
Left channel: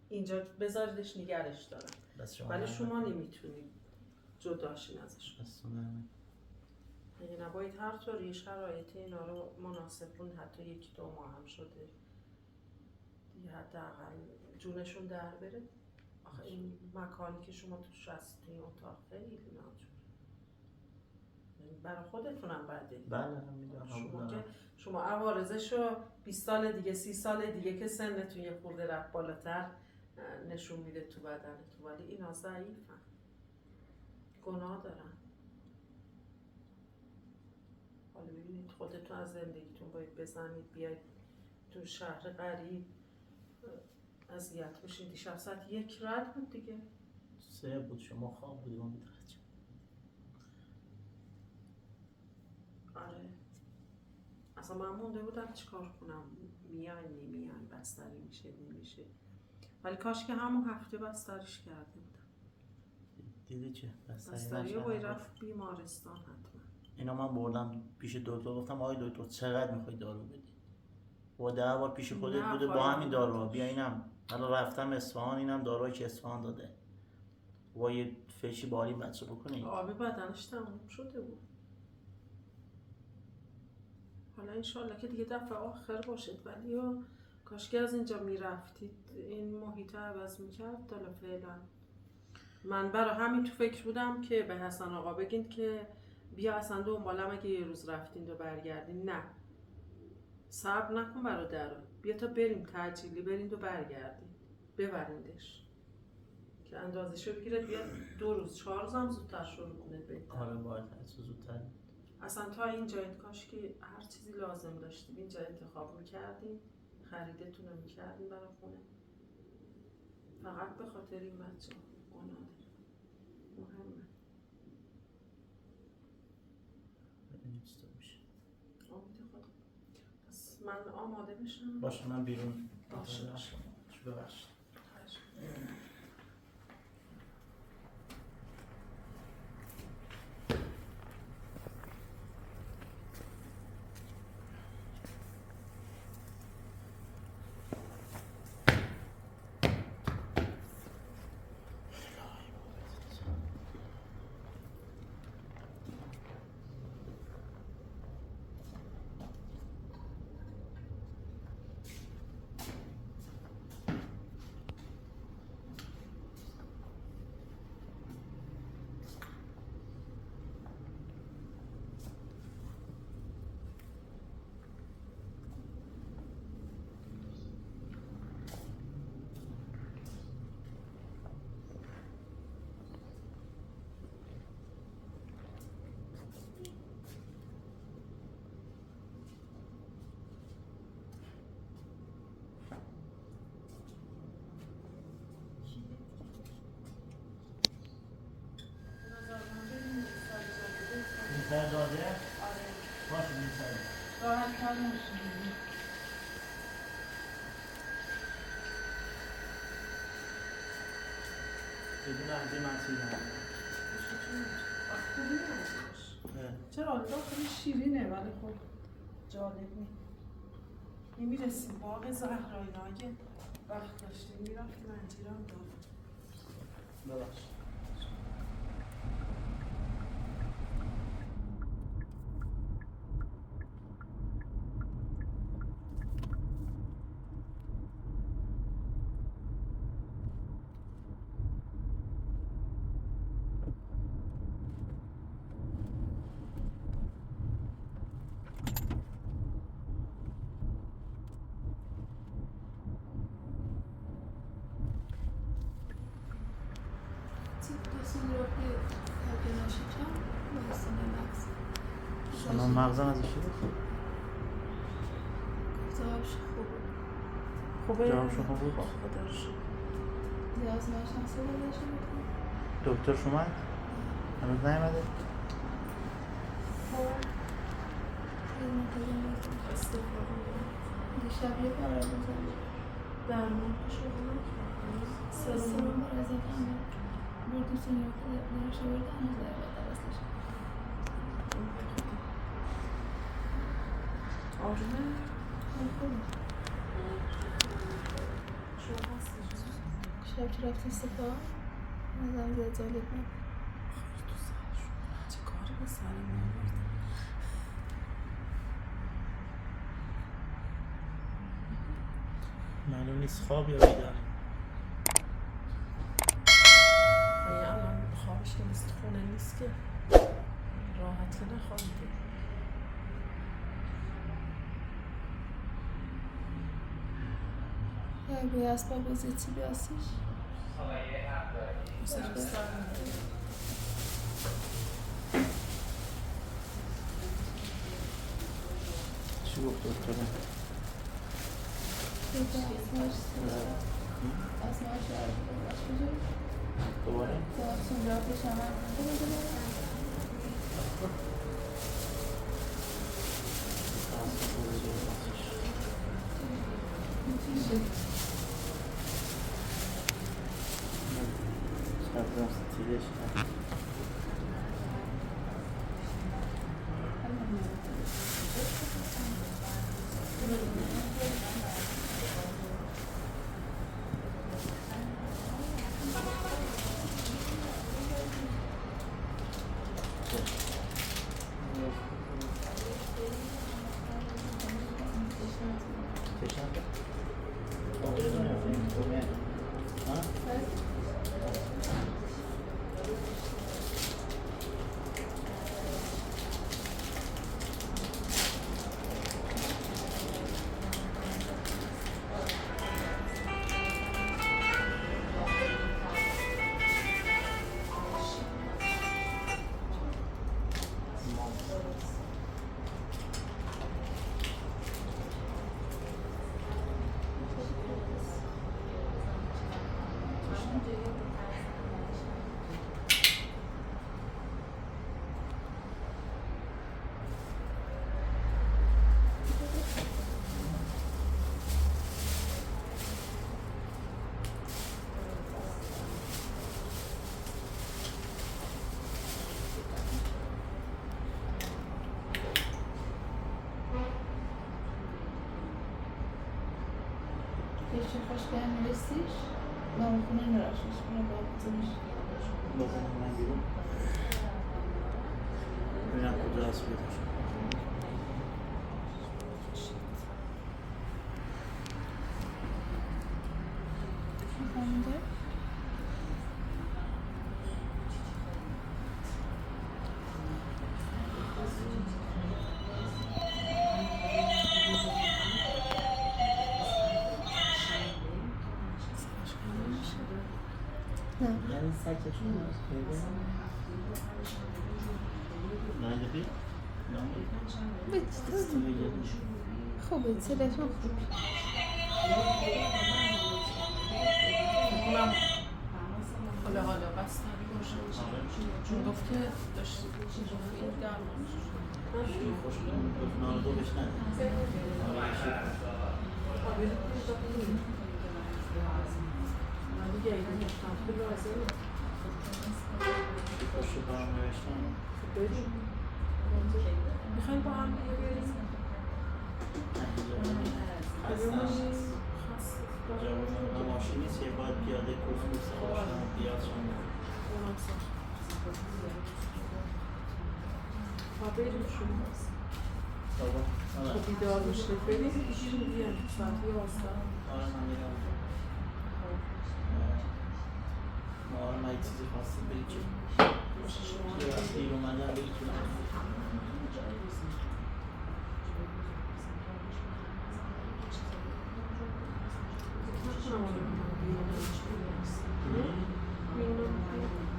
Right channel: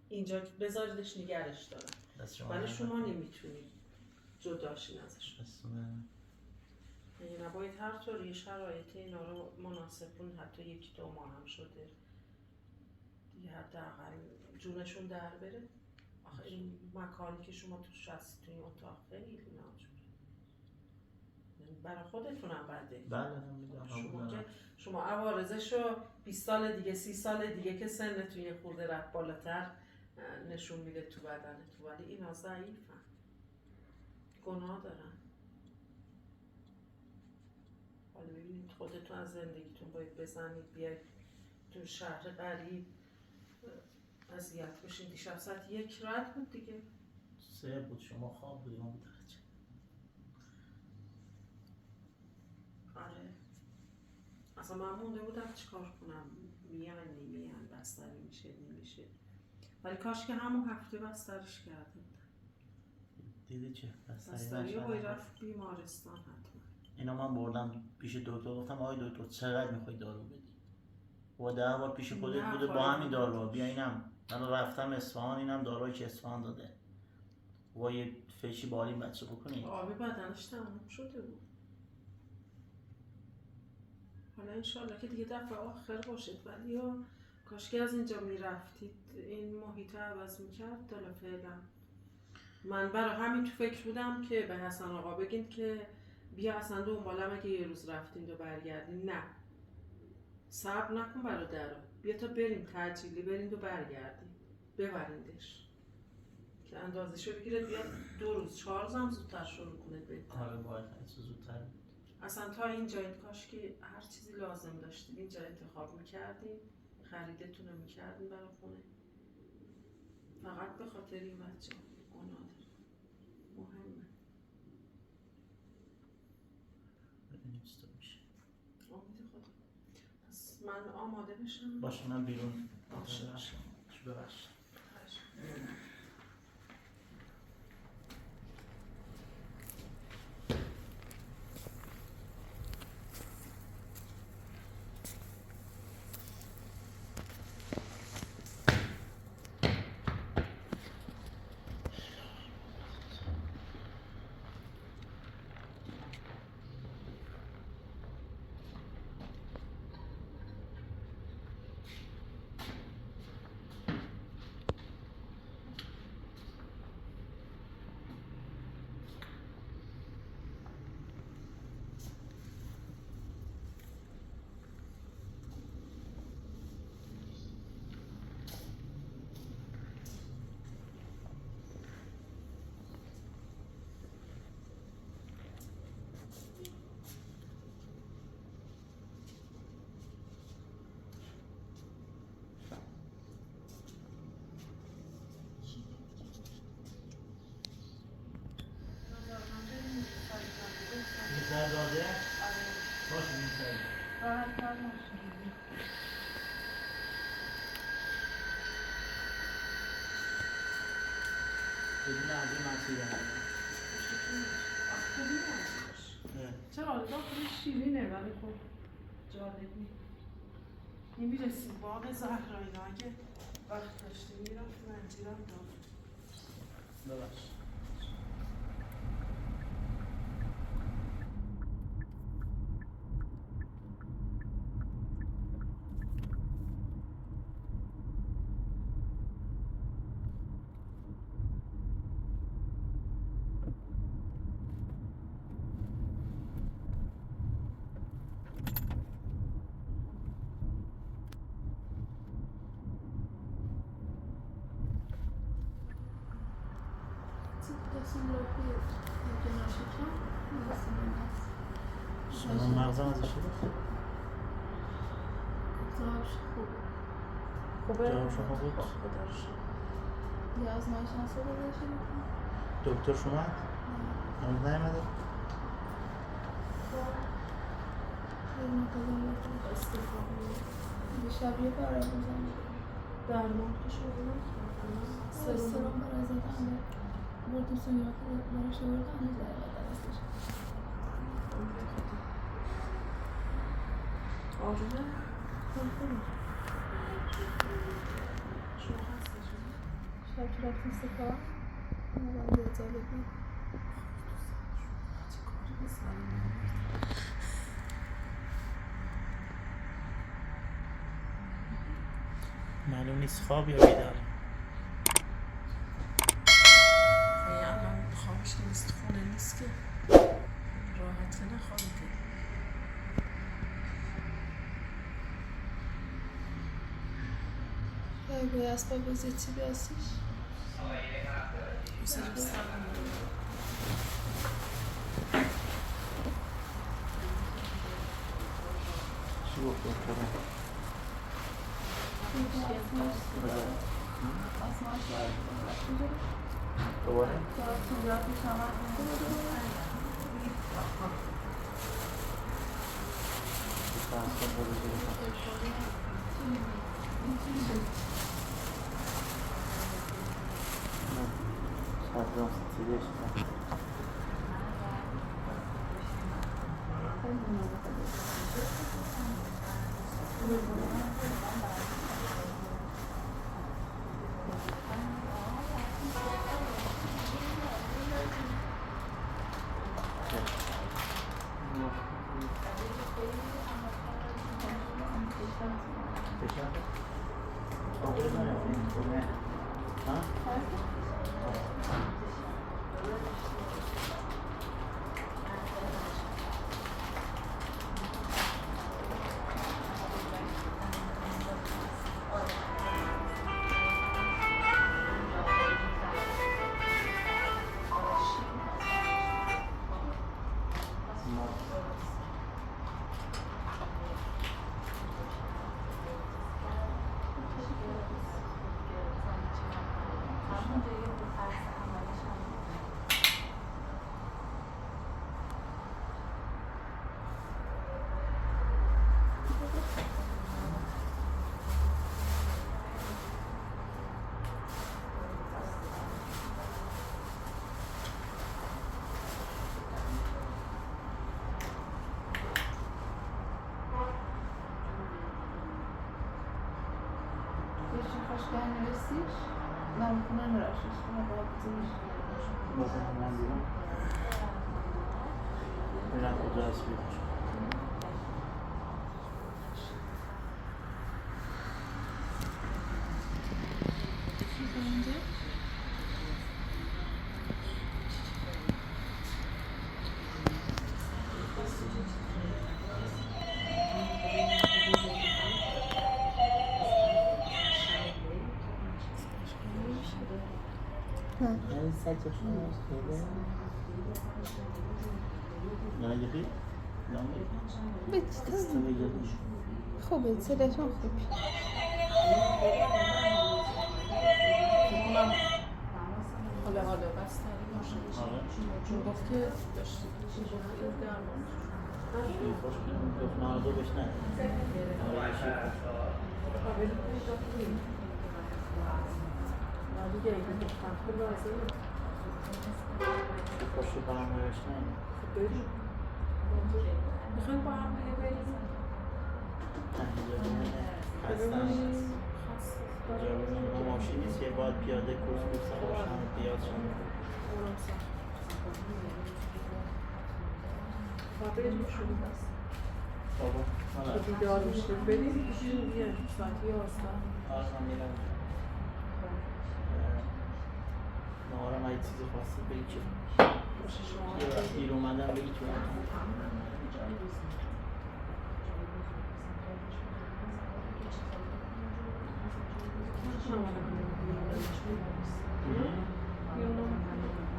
اینجا بذاریدش نگرش دارم، ولی شما نمیتونید جداشین ازش. یعنی نباید هر طوری شرایط اینا رو مناسب کنید. حتی 1-2 ماه هم شده دیگه حداقل جونشون در بره. آخه این مکانی که شما توش هستید توی اتاق خیلی ناجوره، برای خودتونم بده. بله شما عوارضشو 20 سال دیگه 30 سال دیگه که سنتون یه خورده رفت بالاتر نشون میده تو بدنتون، ولی اینا ضعیفن، گناه دارن. حالا ببینید خودتون از زندگیتون باید بزنید بیاید تو شهر غریب اذیت بشین. دیشب ساعت 1 رد بود دیگه. 3 بود، شما خواب بودیم اون درجه. آره اصلا من مونده بودم چیکار کنم، میان نمیان، بستری میشه نمیشه، ولی کاش که همون هفته بستریش کرده بودم. دیدی چه؟ بستری باید رفت بیمارستان حتما. اینا من بردم پیش دکتر، گفتم آقای دکتر چقدر میخوای دارو بدی؟ با 10 بار پیش خودت بوده با همین دارو بیا اینم. حالا رفتم اصفهان، اینم دارویی که اصفهان داده. با یه فشی بالی بچه بکنید. آبی بدنش تموم شده بود. حالا انشالله که دیگه دفعه آخر باشد، ولی کاش که از اینجا میرفتید این محیط عوض میکرد. حالا فعلا من برای همین تو فکر بودم که به حسن آقا بگین که بیا اصلا دنبالم اگه یه روز رفتین و برگردین. نه صبر نکن برادر، بیا تا بریم تعجیلی برین و برگردین، ببریندش که اندازه شو بگیره بیاد 2 روز 4 روز هم زودتر شروع کنه بهتر. آره باید زودتر. اصلا تا اینجا این کاش که هر چیزی لازم داشتید اینجا انتخاب میکردین، خریدتون رو میکردین برای خونه. فقط به خاطر این بچه گناه داریم، مهمه. ببینیم چطور میشه. امید خدا. پس من آماده بشم. باشه من بیرون. باشه. ببخشید. دروازه؟ آره. باشه می‌سازم. راحت تر نشید. بدون از این مسیرم. خوبی نباش. چرا حالا خیلی شیرینه ولی خب جالب نیست. میرسیم باغ زهرایی اگه وقت داشتیم میرفتیم انجیرم دارم. ببخشید. شما مغزم ازش گرفت؟ جوابش خوبه؟ جواب شما بود؟ خودش یه آزمایش هسته بودشه بکنم؟ دکتر شما؟ هنوز نیومده؟ دیشب یه قرار بزنم درمان شغل سرم برای زدن بردیم سنیا که دارش برد هنوز نیومد درستش آرومه؟ خوبه شما هستش؟ شب که رفتیم سپاه نظرم زیاد جالب نبود چه کاری به سرم نمی‌رد؟ معلوم نیست خواب یا بیدار. الان خوابش که نیست خونه نیست که راحت نخوابیده. یا به اسباب بازی چی بیاسیش؟ بسیج بسرم چی گفت دکترم؟ آزمایش باید کجا؟ دوباره؟ چون را پیش آمد بشن آقای من ها؟ Jeszcze troszkę inwestysz? Mam na narażać, na bardzo. بازم من بیرون ببینم کجا هست بیرون یعنی سکتشون هست خیلی نایدهی؟ خوبه صداشون خوب اونم حالا بستری باشه چون گفت که داشتی این درمانش شیر خوش کنیم نان دو بشنن آره شیر خوش قابل کنید دیگه این مختلف لازم شیر خوش رو برام نوشتن بریم میخوایم با هم دیگه بریم خستم جواب ما ماشین نیست یه باید پیاده کورس باشم و پیاده شم اونم سخت باید بریم شروع هست بابا بیدار میشه بریم بیایم ساعت 11 آره من میرم نوارم اگه چیزی خواسته بگی چه باشه شما یه دیر اومدم بگی چه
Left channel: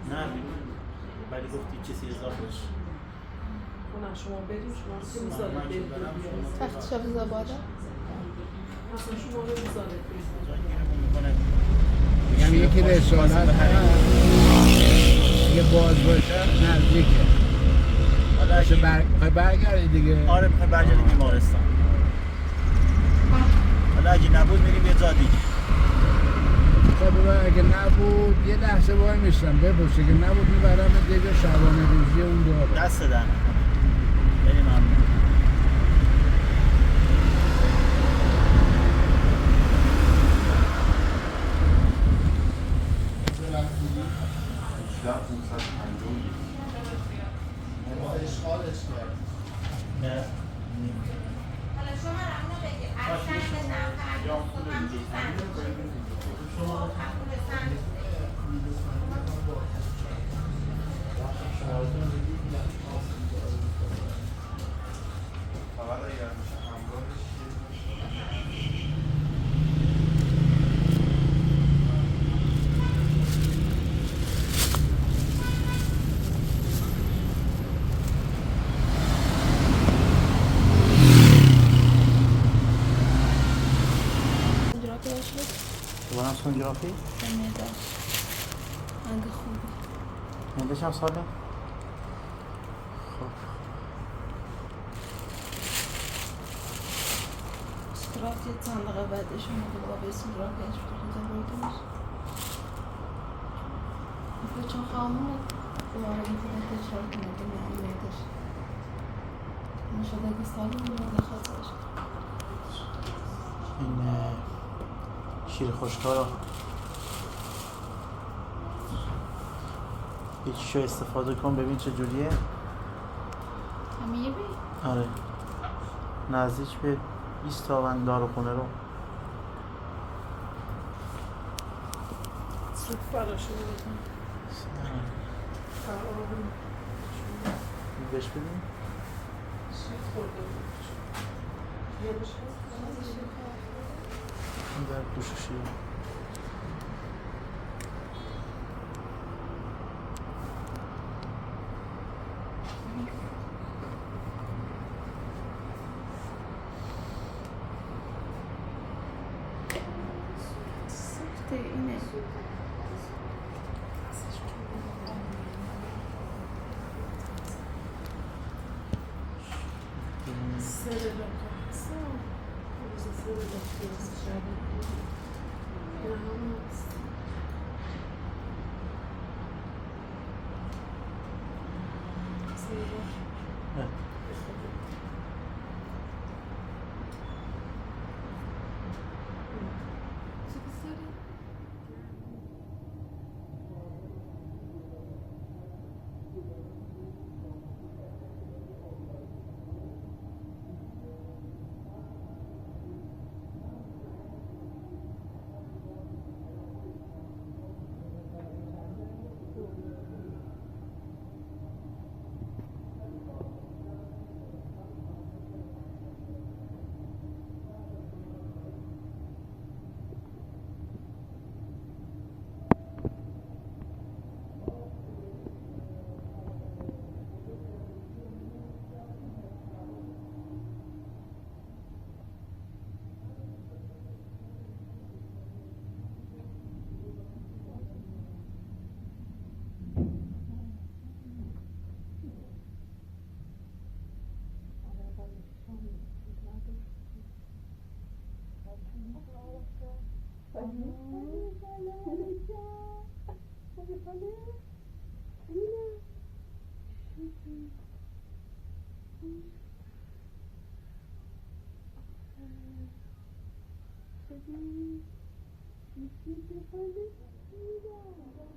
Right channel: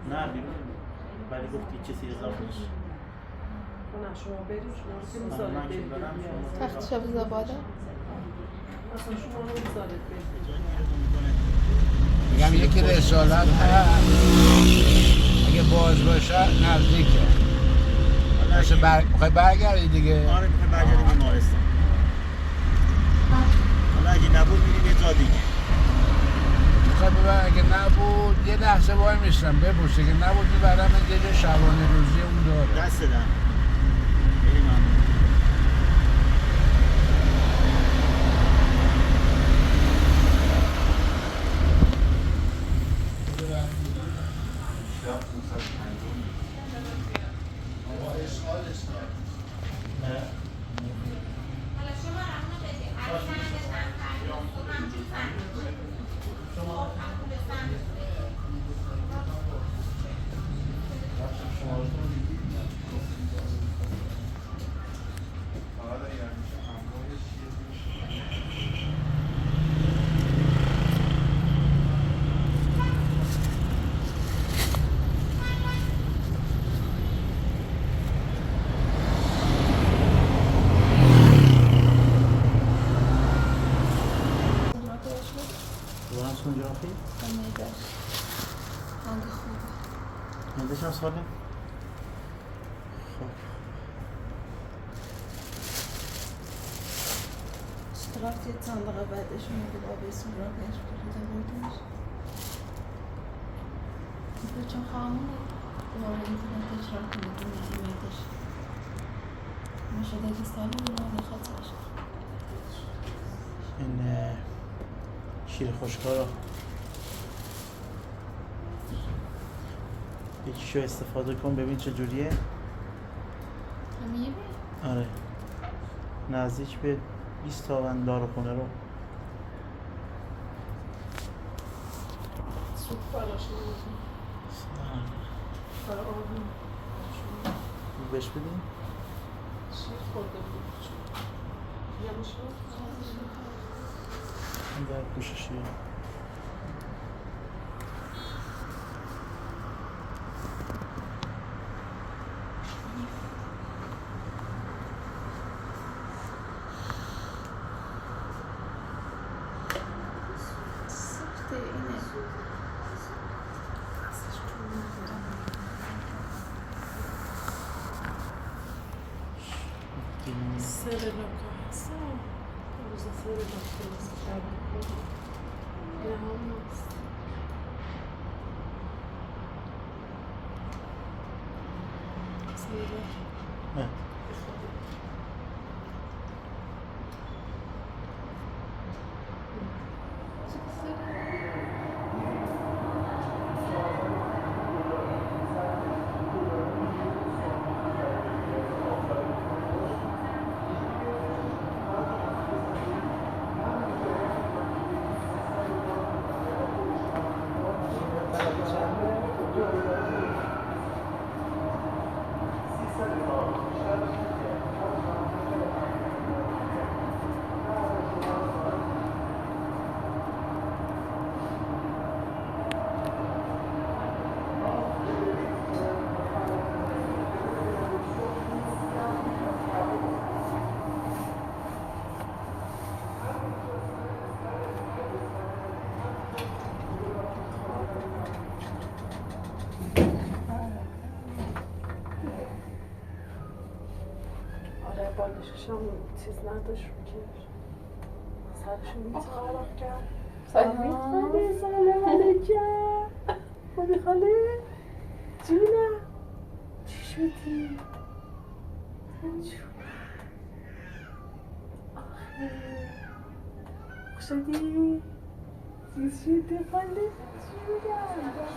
نه بیرون ولی گفتی چیزی اضافه نشه نه شما بریم شما رو من که بذارید دارم بریم شما تخت شب زباده اصلا شما رو بذارید بریم جایی میکنه یعنی یکی رسالت یه باز باشه نزدیکه حالا میخوای برگردی دیگه آره میخوایم برگردیم بیمارستان حالا اگه نبود میریم یه جا دیگه اگه نبود یه لحظه وای میستم بپرس اگه نبود میبرم یه شبانه روزی اون دار دست دارم خیلی ممنون نه دوباره سونوگرافی؟ هنگ خوبه نمیدش هم سالم؟ خب رفت یه چند دقیقه بعدش اومده با به سونوگرافیش بودم بردمش چون خواهمون دوباره میتونه تکرار کنه که نمیدش شده که سالم رو خاطرش این شیر خشکارا یکیشو استفاده کن ببین چه جوریه همه یه بی؟ آره نزدیک به ایستاون داروخونه رو سوپ براشون بودم بهش بدیم؟ سوپ خورده بود این در پوششیه سخته اینه. سر لکه روز سر لکه واسه شاید نه هم هست سر لکه بالشش هم چیز نداشت رو که سرشو میتخارق کرد سلام خاله سلام علیکم خوبی خاله؟ جونم چی شدی؟ خوش شدی؟ چی شدی خاله؟ جونم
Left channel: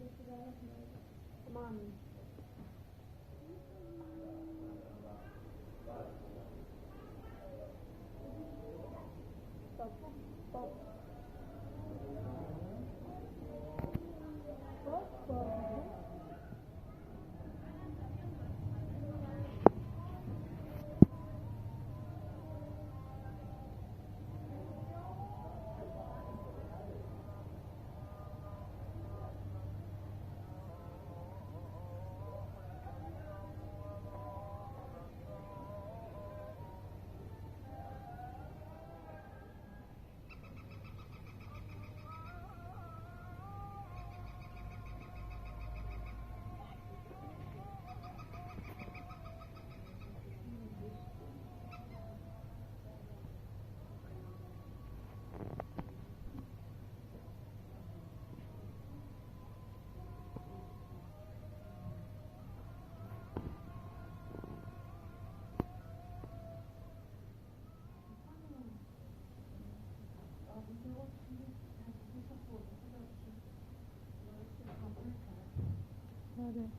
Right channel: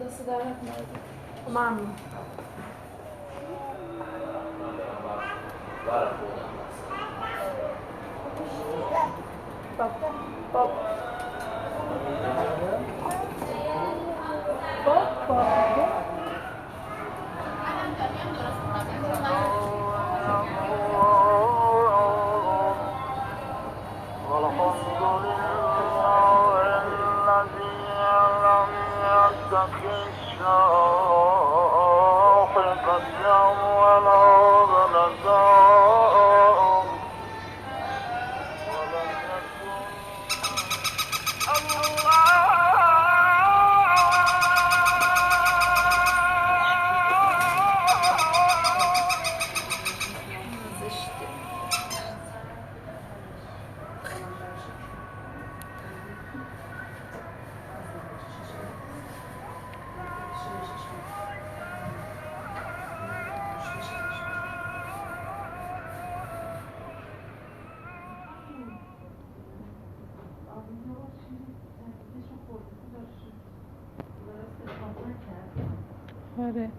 دست در نکنه. ممنون. آره.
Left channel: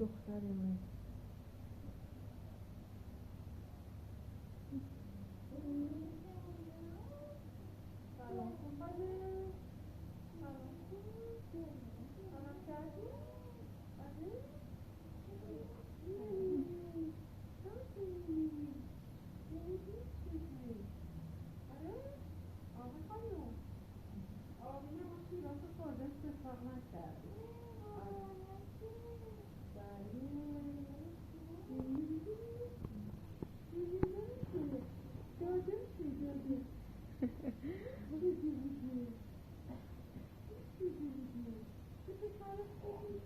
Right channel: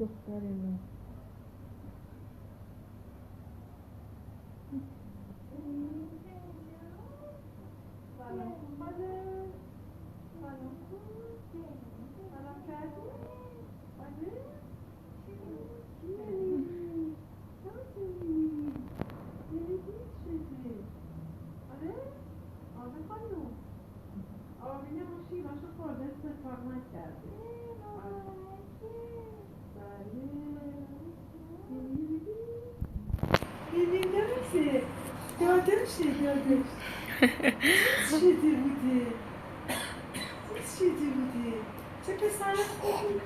دخترمون سلام کن بده سلام کن سلام کردی بده آره آره خانم آمینه باشی باشو خورده استفاق نکردی دادش چیزی بوده چه پسر خوبی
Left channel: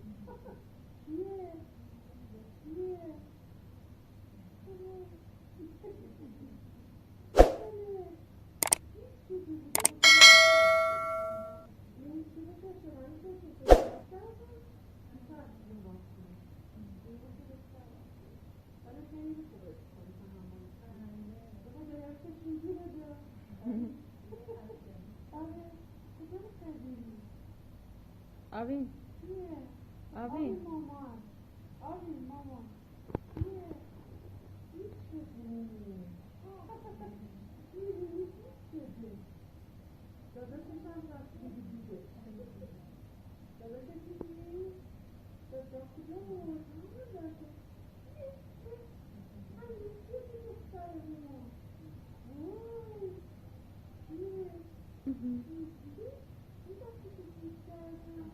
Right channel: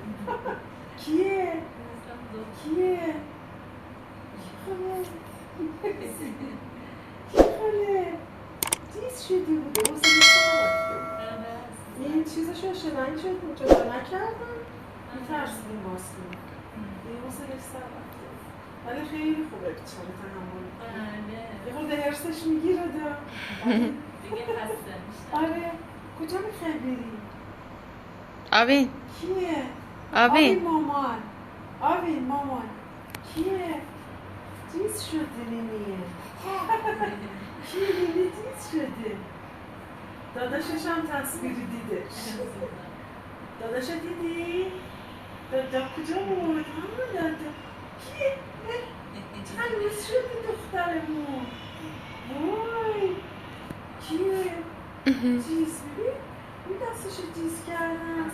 کیه خاله دیز شدی بوده این چیزشو شدن شد جدا نکردم میترسیدیم باز کنیم این حسنش سر رفته ولی خیلی خوبه بیچاره تحمل یه خورده حرسش میگیره دیگه خسته میشه. آره کجا میخوای بری؟ آبین کیه؟ آبین مامان کیه؟ چیز شده نمیه کیه نمی چیز شده داداشش هم تصویری دیدش داداش دیدی؟ دادا کجا بود؟ دادا کیه؟ تمیز شدی دخترمون وای کیه؟ چیز ببین این دستشو جیز کردم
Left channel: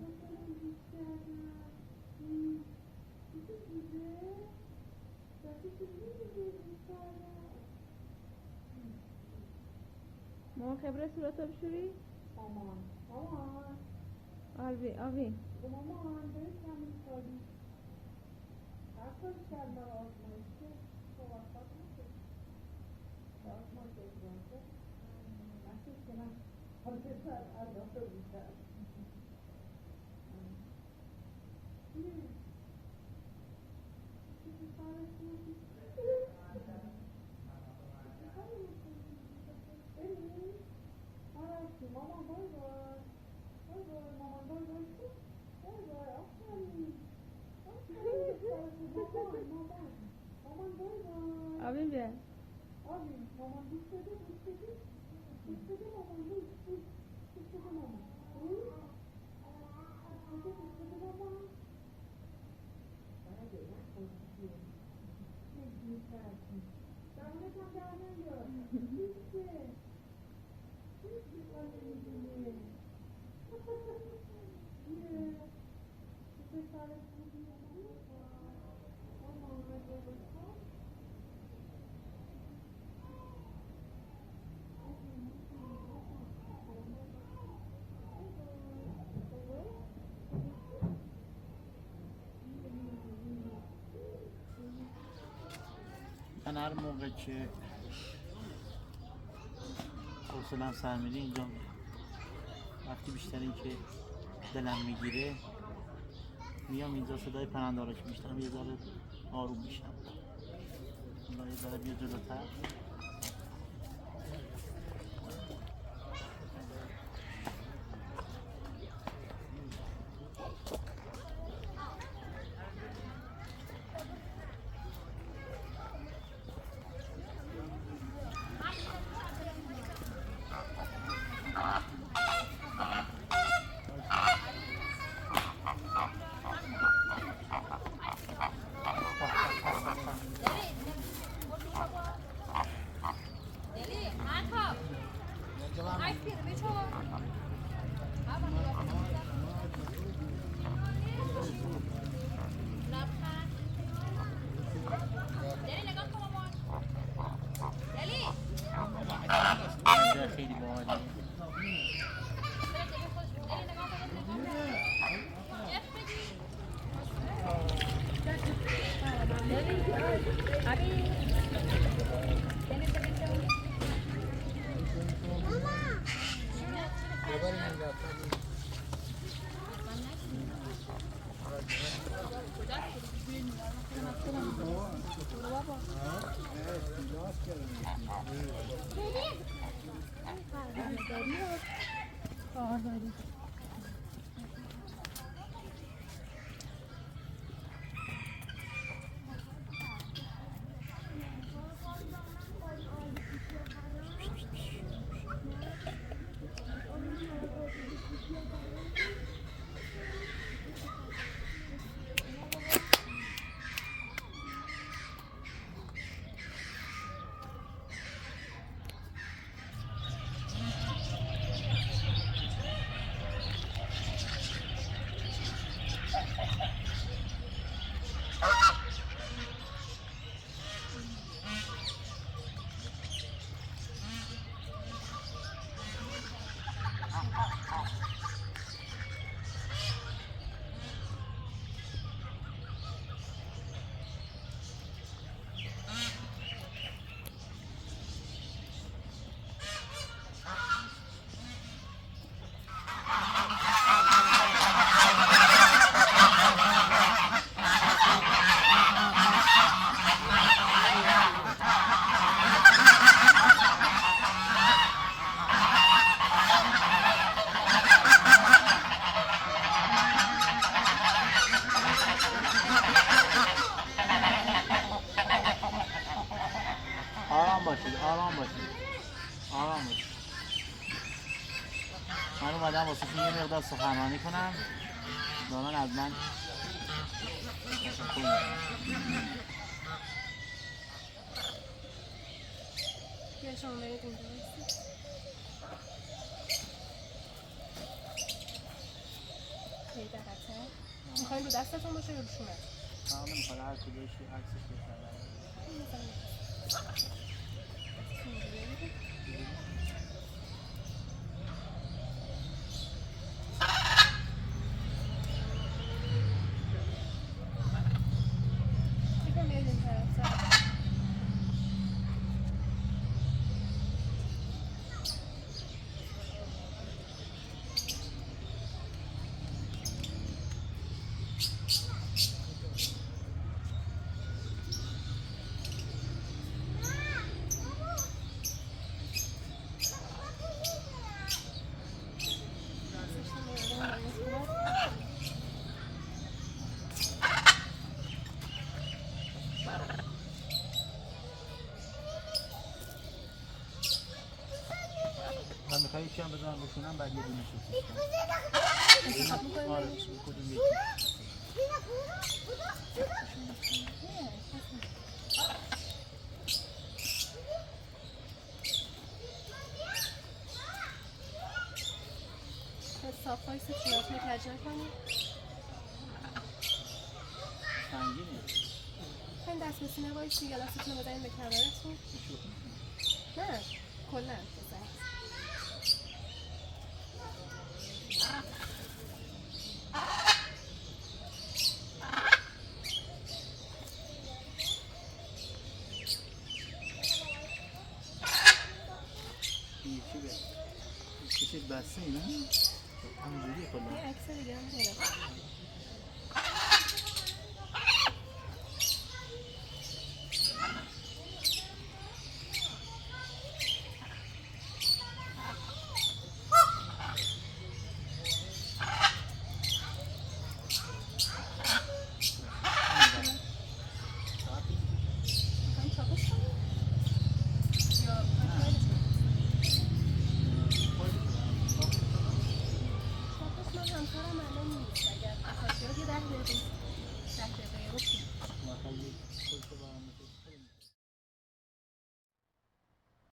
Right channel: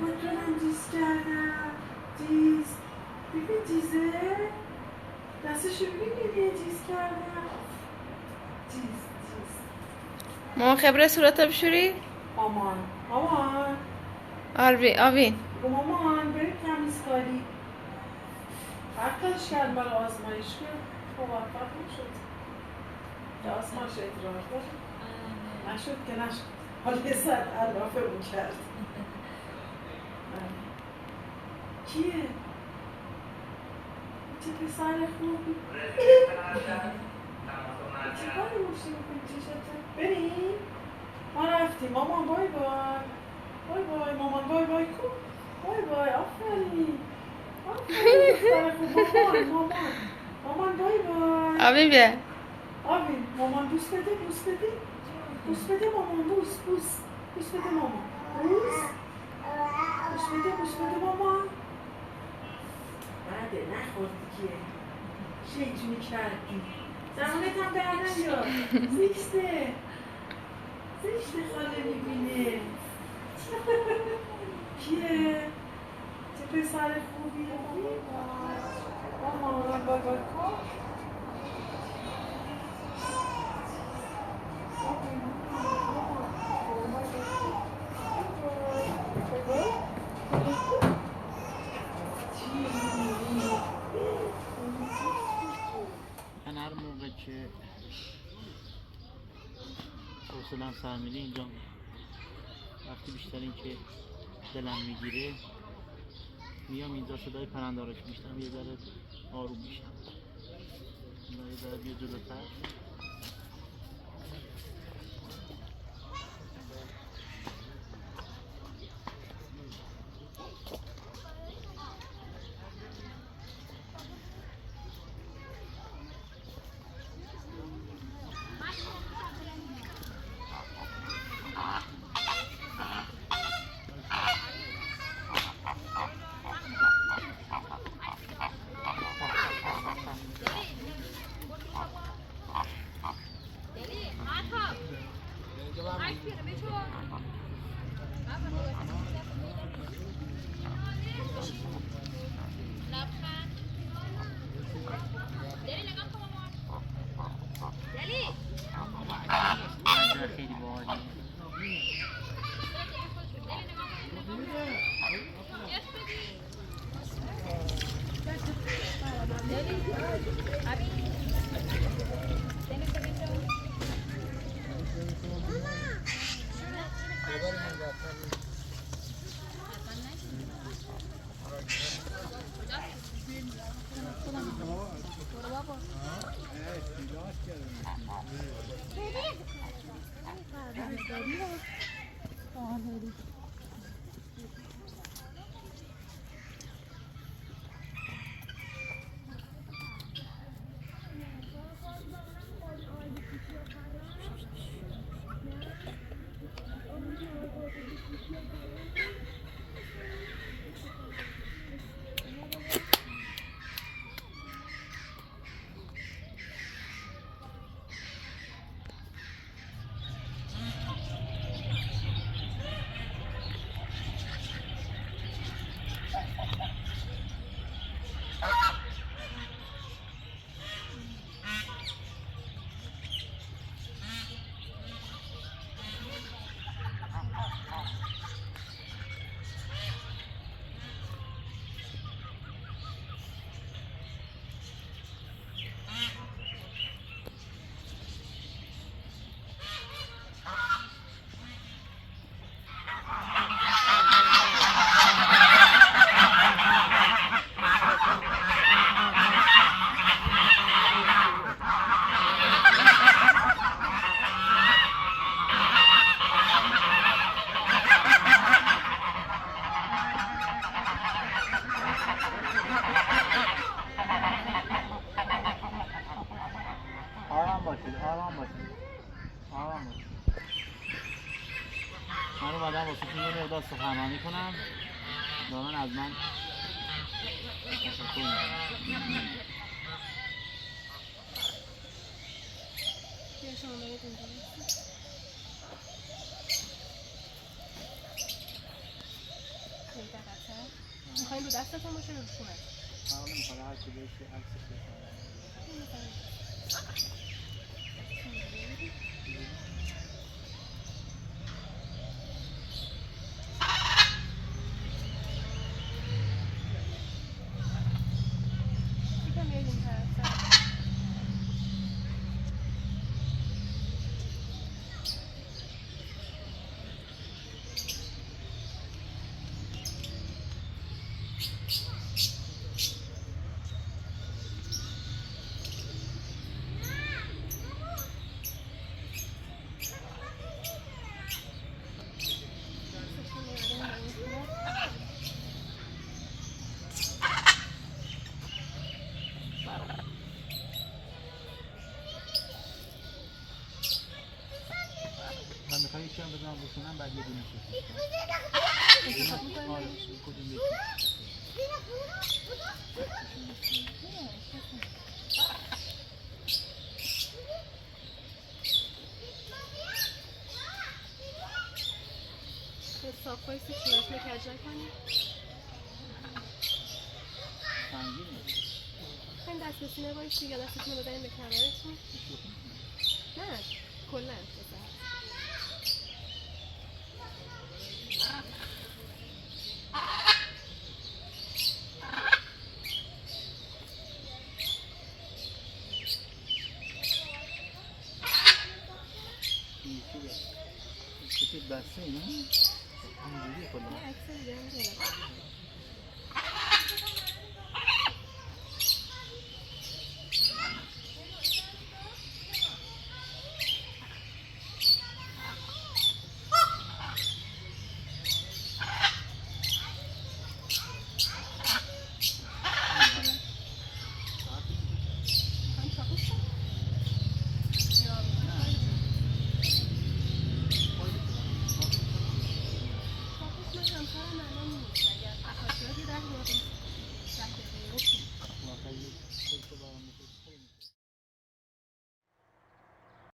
خودتونم جیز کردم جیز ببین جیزه دستشو ببین جیز کردم جیز ماما خبره صورت بشوری؟ مامان آبین مامان بریم تمیزکاری هر کارش کرد برای آزمایش که موفق نشد که آزمایش ادرار داشت نشد که نشد حالا یه ساعت علافه اون کرد کیه؟ چه پسر خوبی؟ چه کاری موشی میکنی چشته؟ بریم؟ ما رفتیم مامان بای بای مامان بای کن بای آفرین مامان بای بای. آبی بیا. آبی مامان بوس بده بوس بده. بوس بده مامان بوس بوس. بوس بده مامان. بوس. بوس بده مامان. بعده نخوردی که. شیطونی کردی. زمانت هم در نیار. زشته. زشته خاله میبینه. کیه؟ چه پسر خوبی. مامان بای بای کن. من هر موقع که حوصله‌ام سر میره اینجا وقتی بیشترین که دلم میگیره میام اینجا صدای پرنده رو که میشنم یه ذره آروم میشم. یه ذره بیا جلوتر. خیلی باحاله. آرام باشید آرام باشید آرام باشید. من اومدم واسه یه مقدار سخنرانی کنم. دارن از من تشکر می‌کنم. بیا شما برید اونجا یه دقیقه میخوایم رو دستتون باشه رو شونت من نمیخواد هر کدومش عکسش بخره. یکم بیاید این طرف یکم بذارم بکنم بعد یه دونه سوسیس انتخاب می‌کنیم آره بینشون؟ کدوم یکی حساب خواهی صورت رو کج نکنی؟ سنگینه خیلی دست به سینه بایستی یا دستتون رو بزنیم به کمرتون؟ نه کلن بزن این چی به چیزی بسته اینا همونجوریه کلا یه عکس دیگه هم دارم می‌خوایم چاپش کنیم؟ یا می‌خوایم چاپش من همکارم الان نیست اگر بخواد بیاد یه 10 دقیقه رو کنیم خیلی خوش برام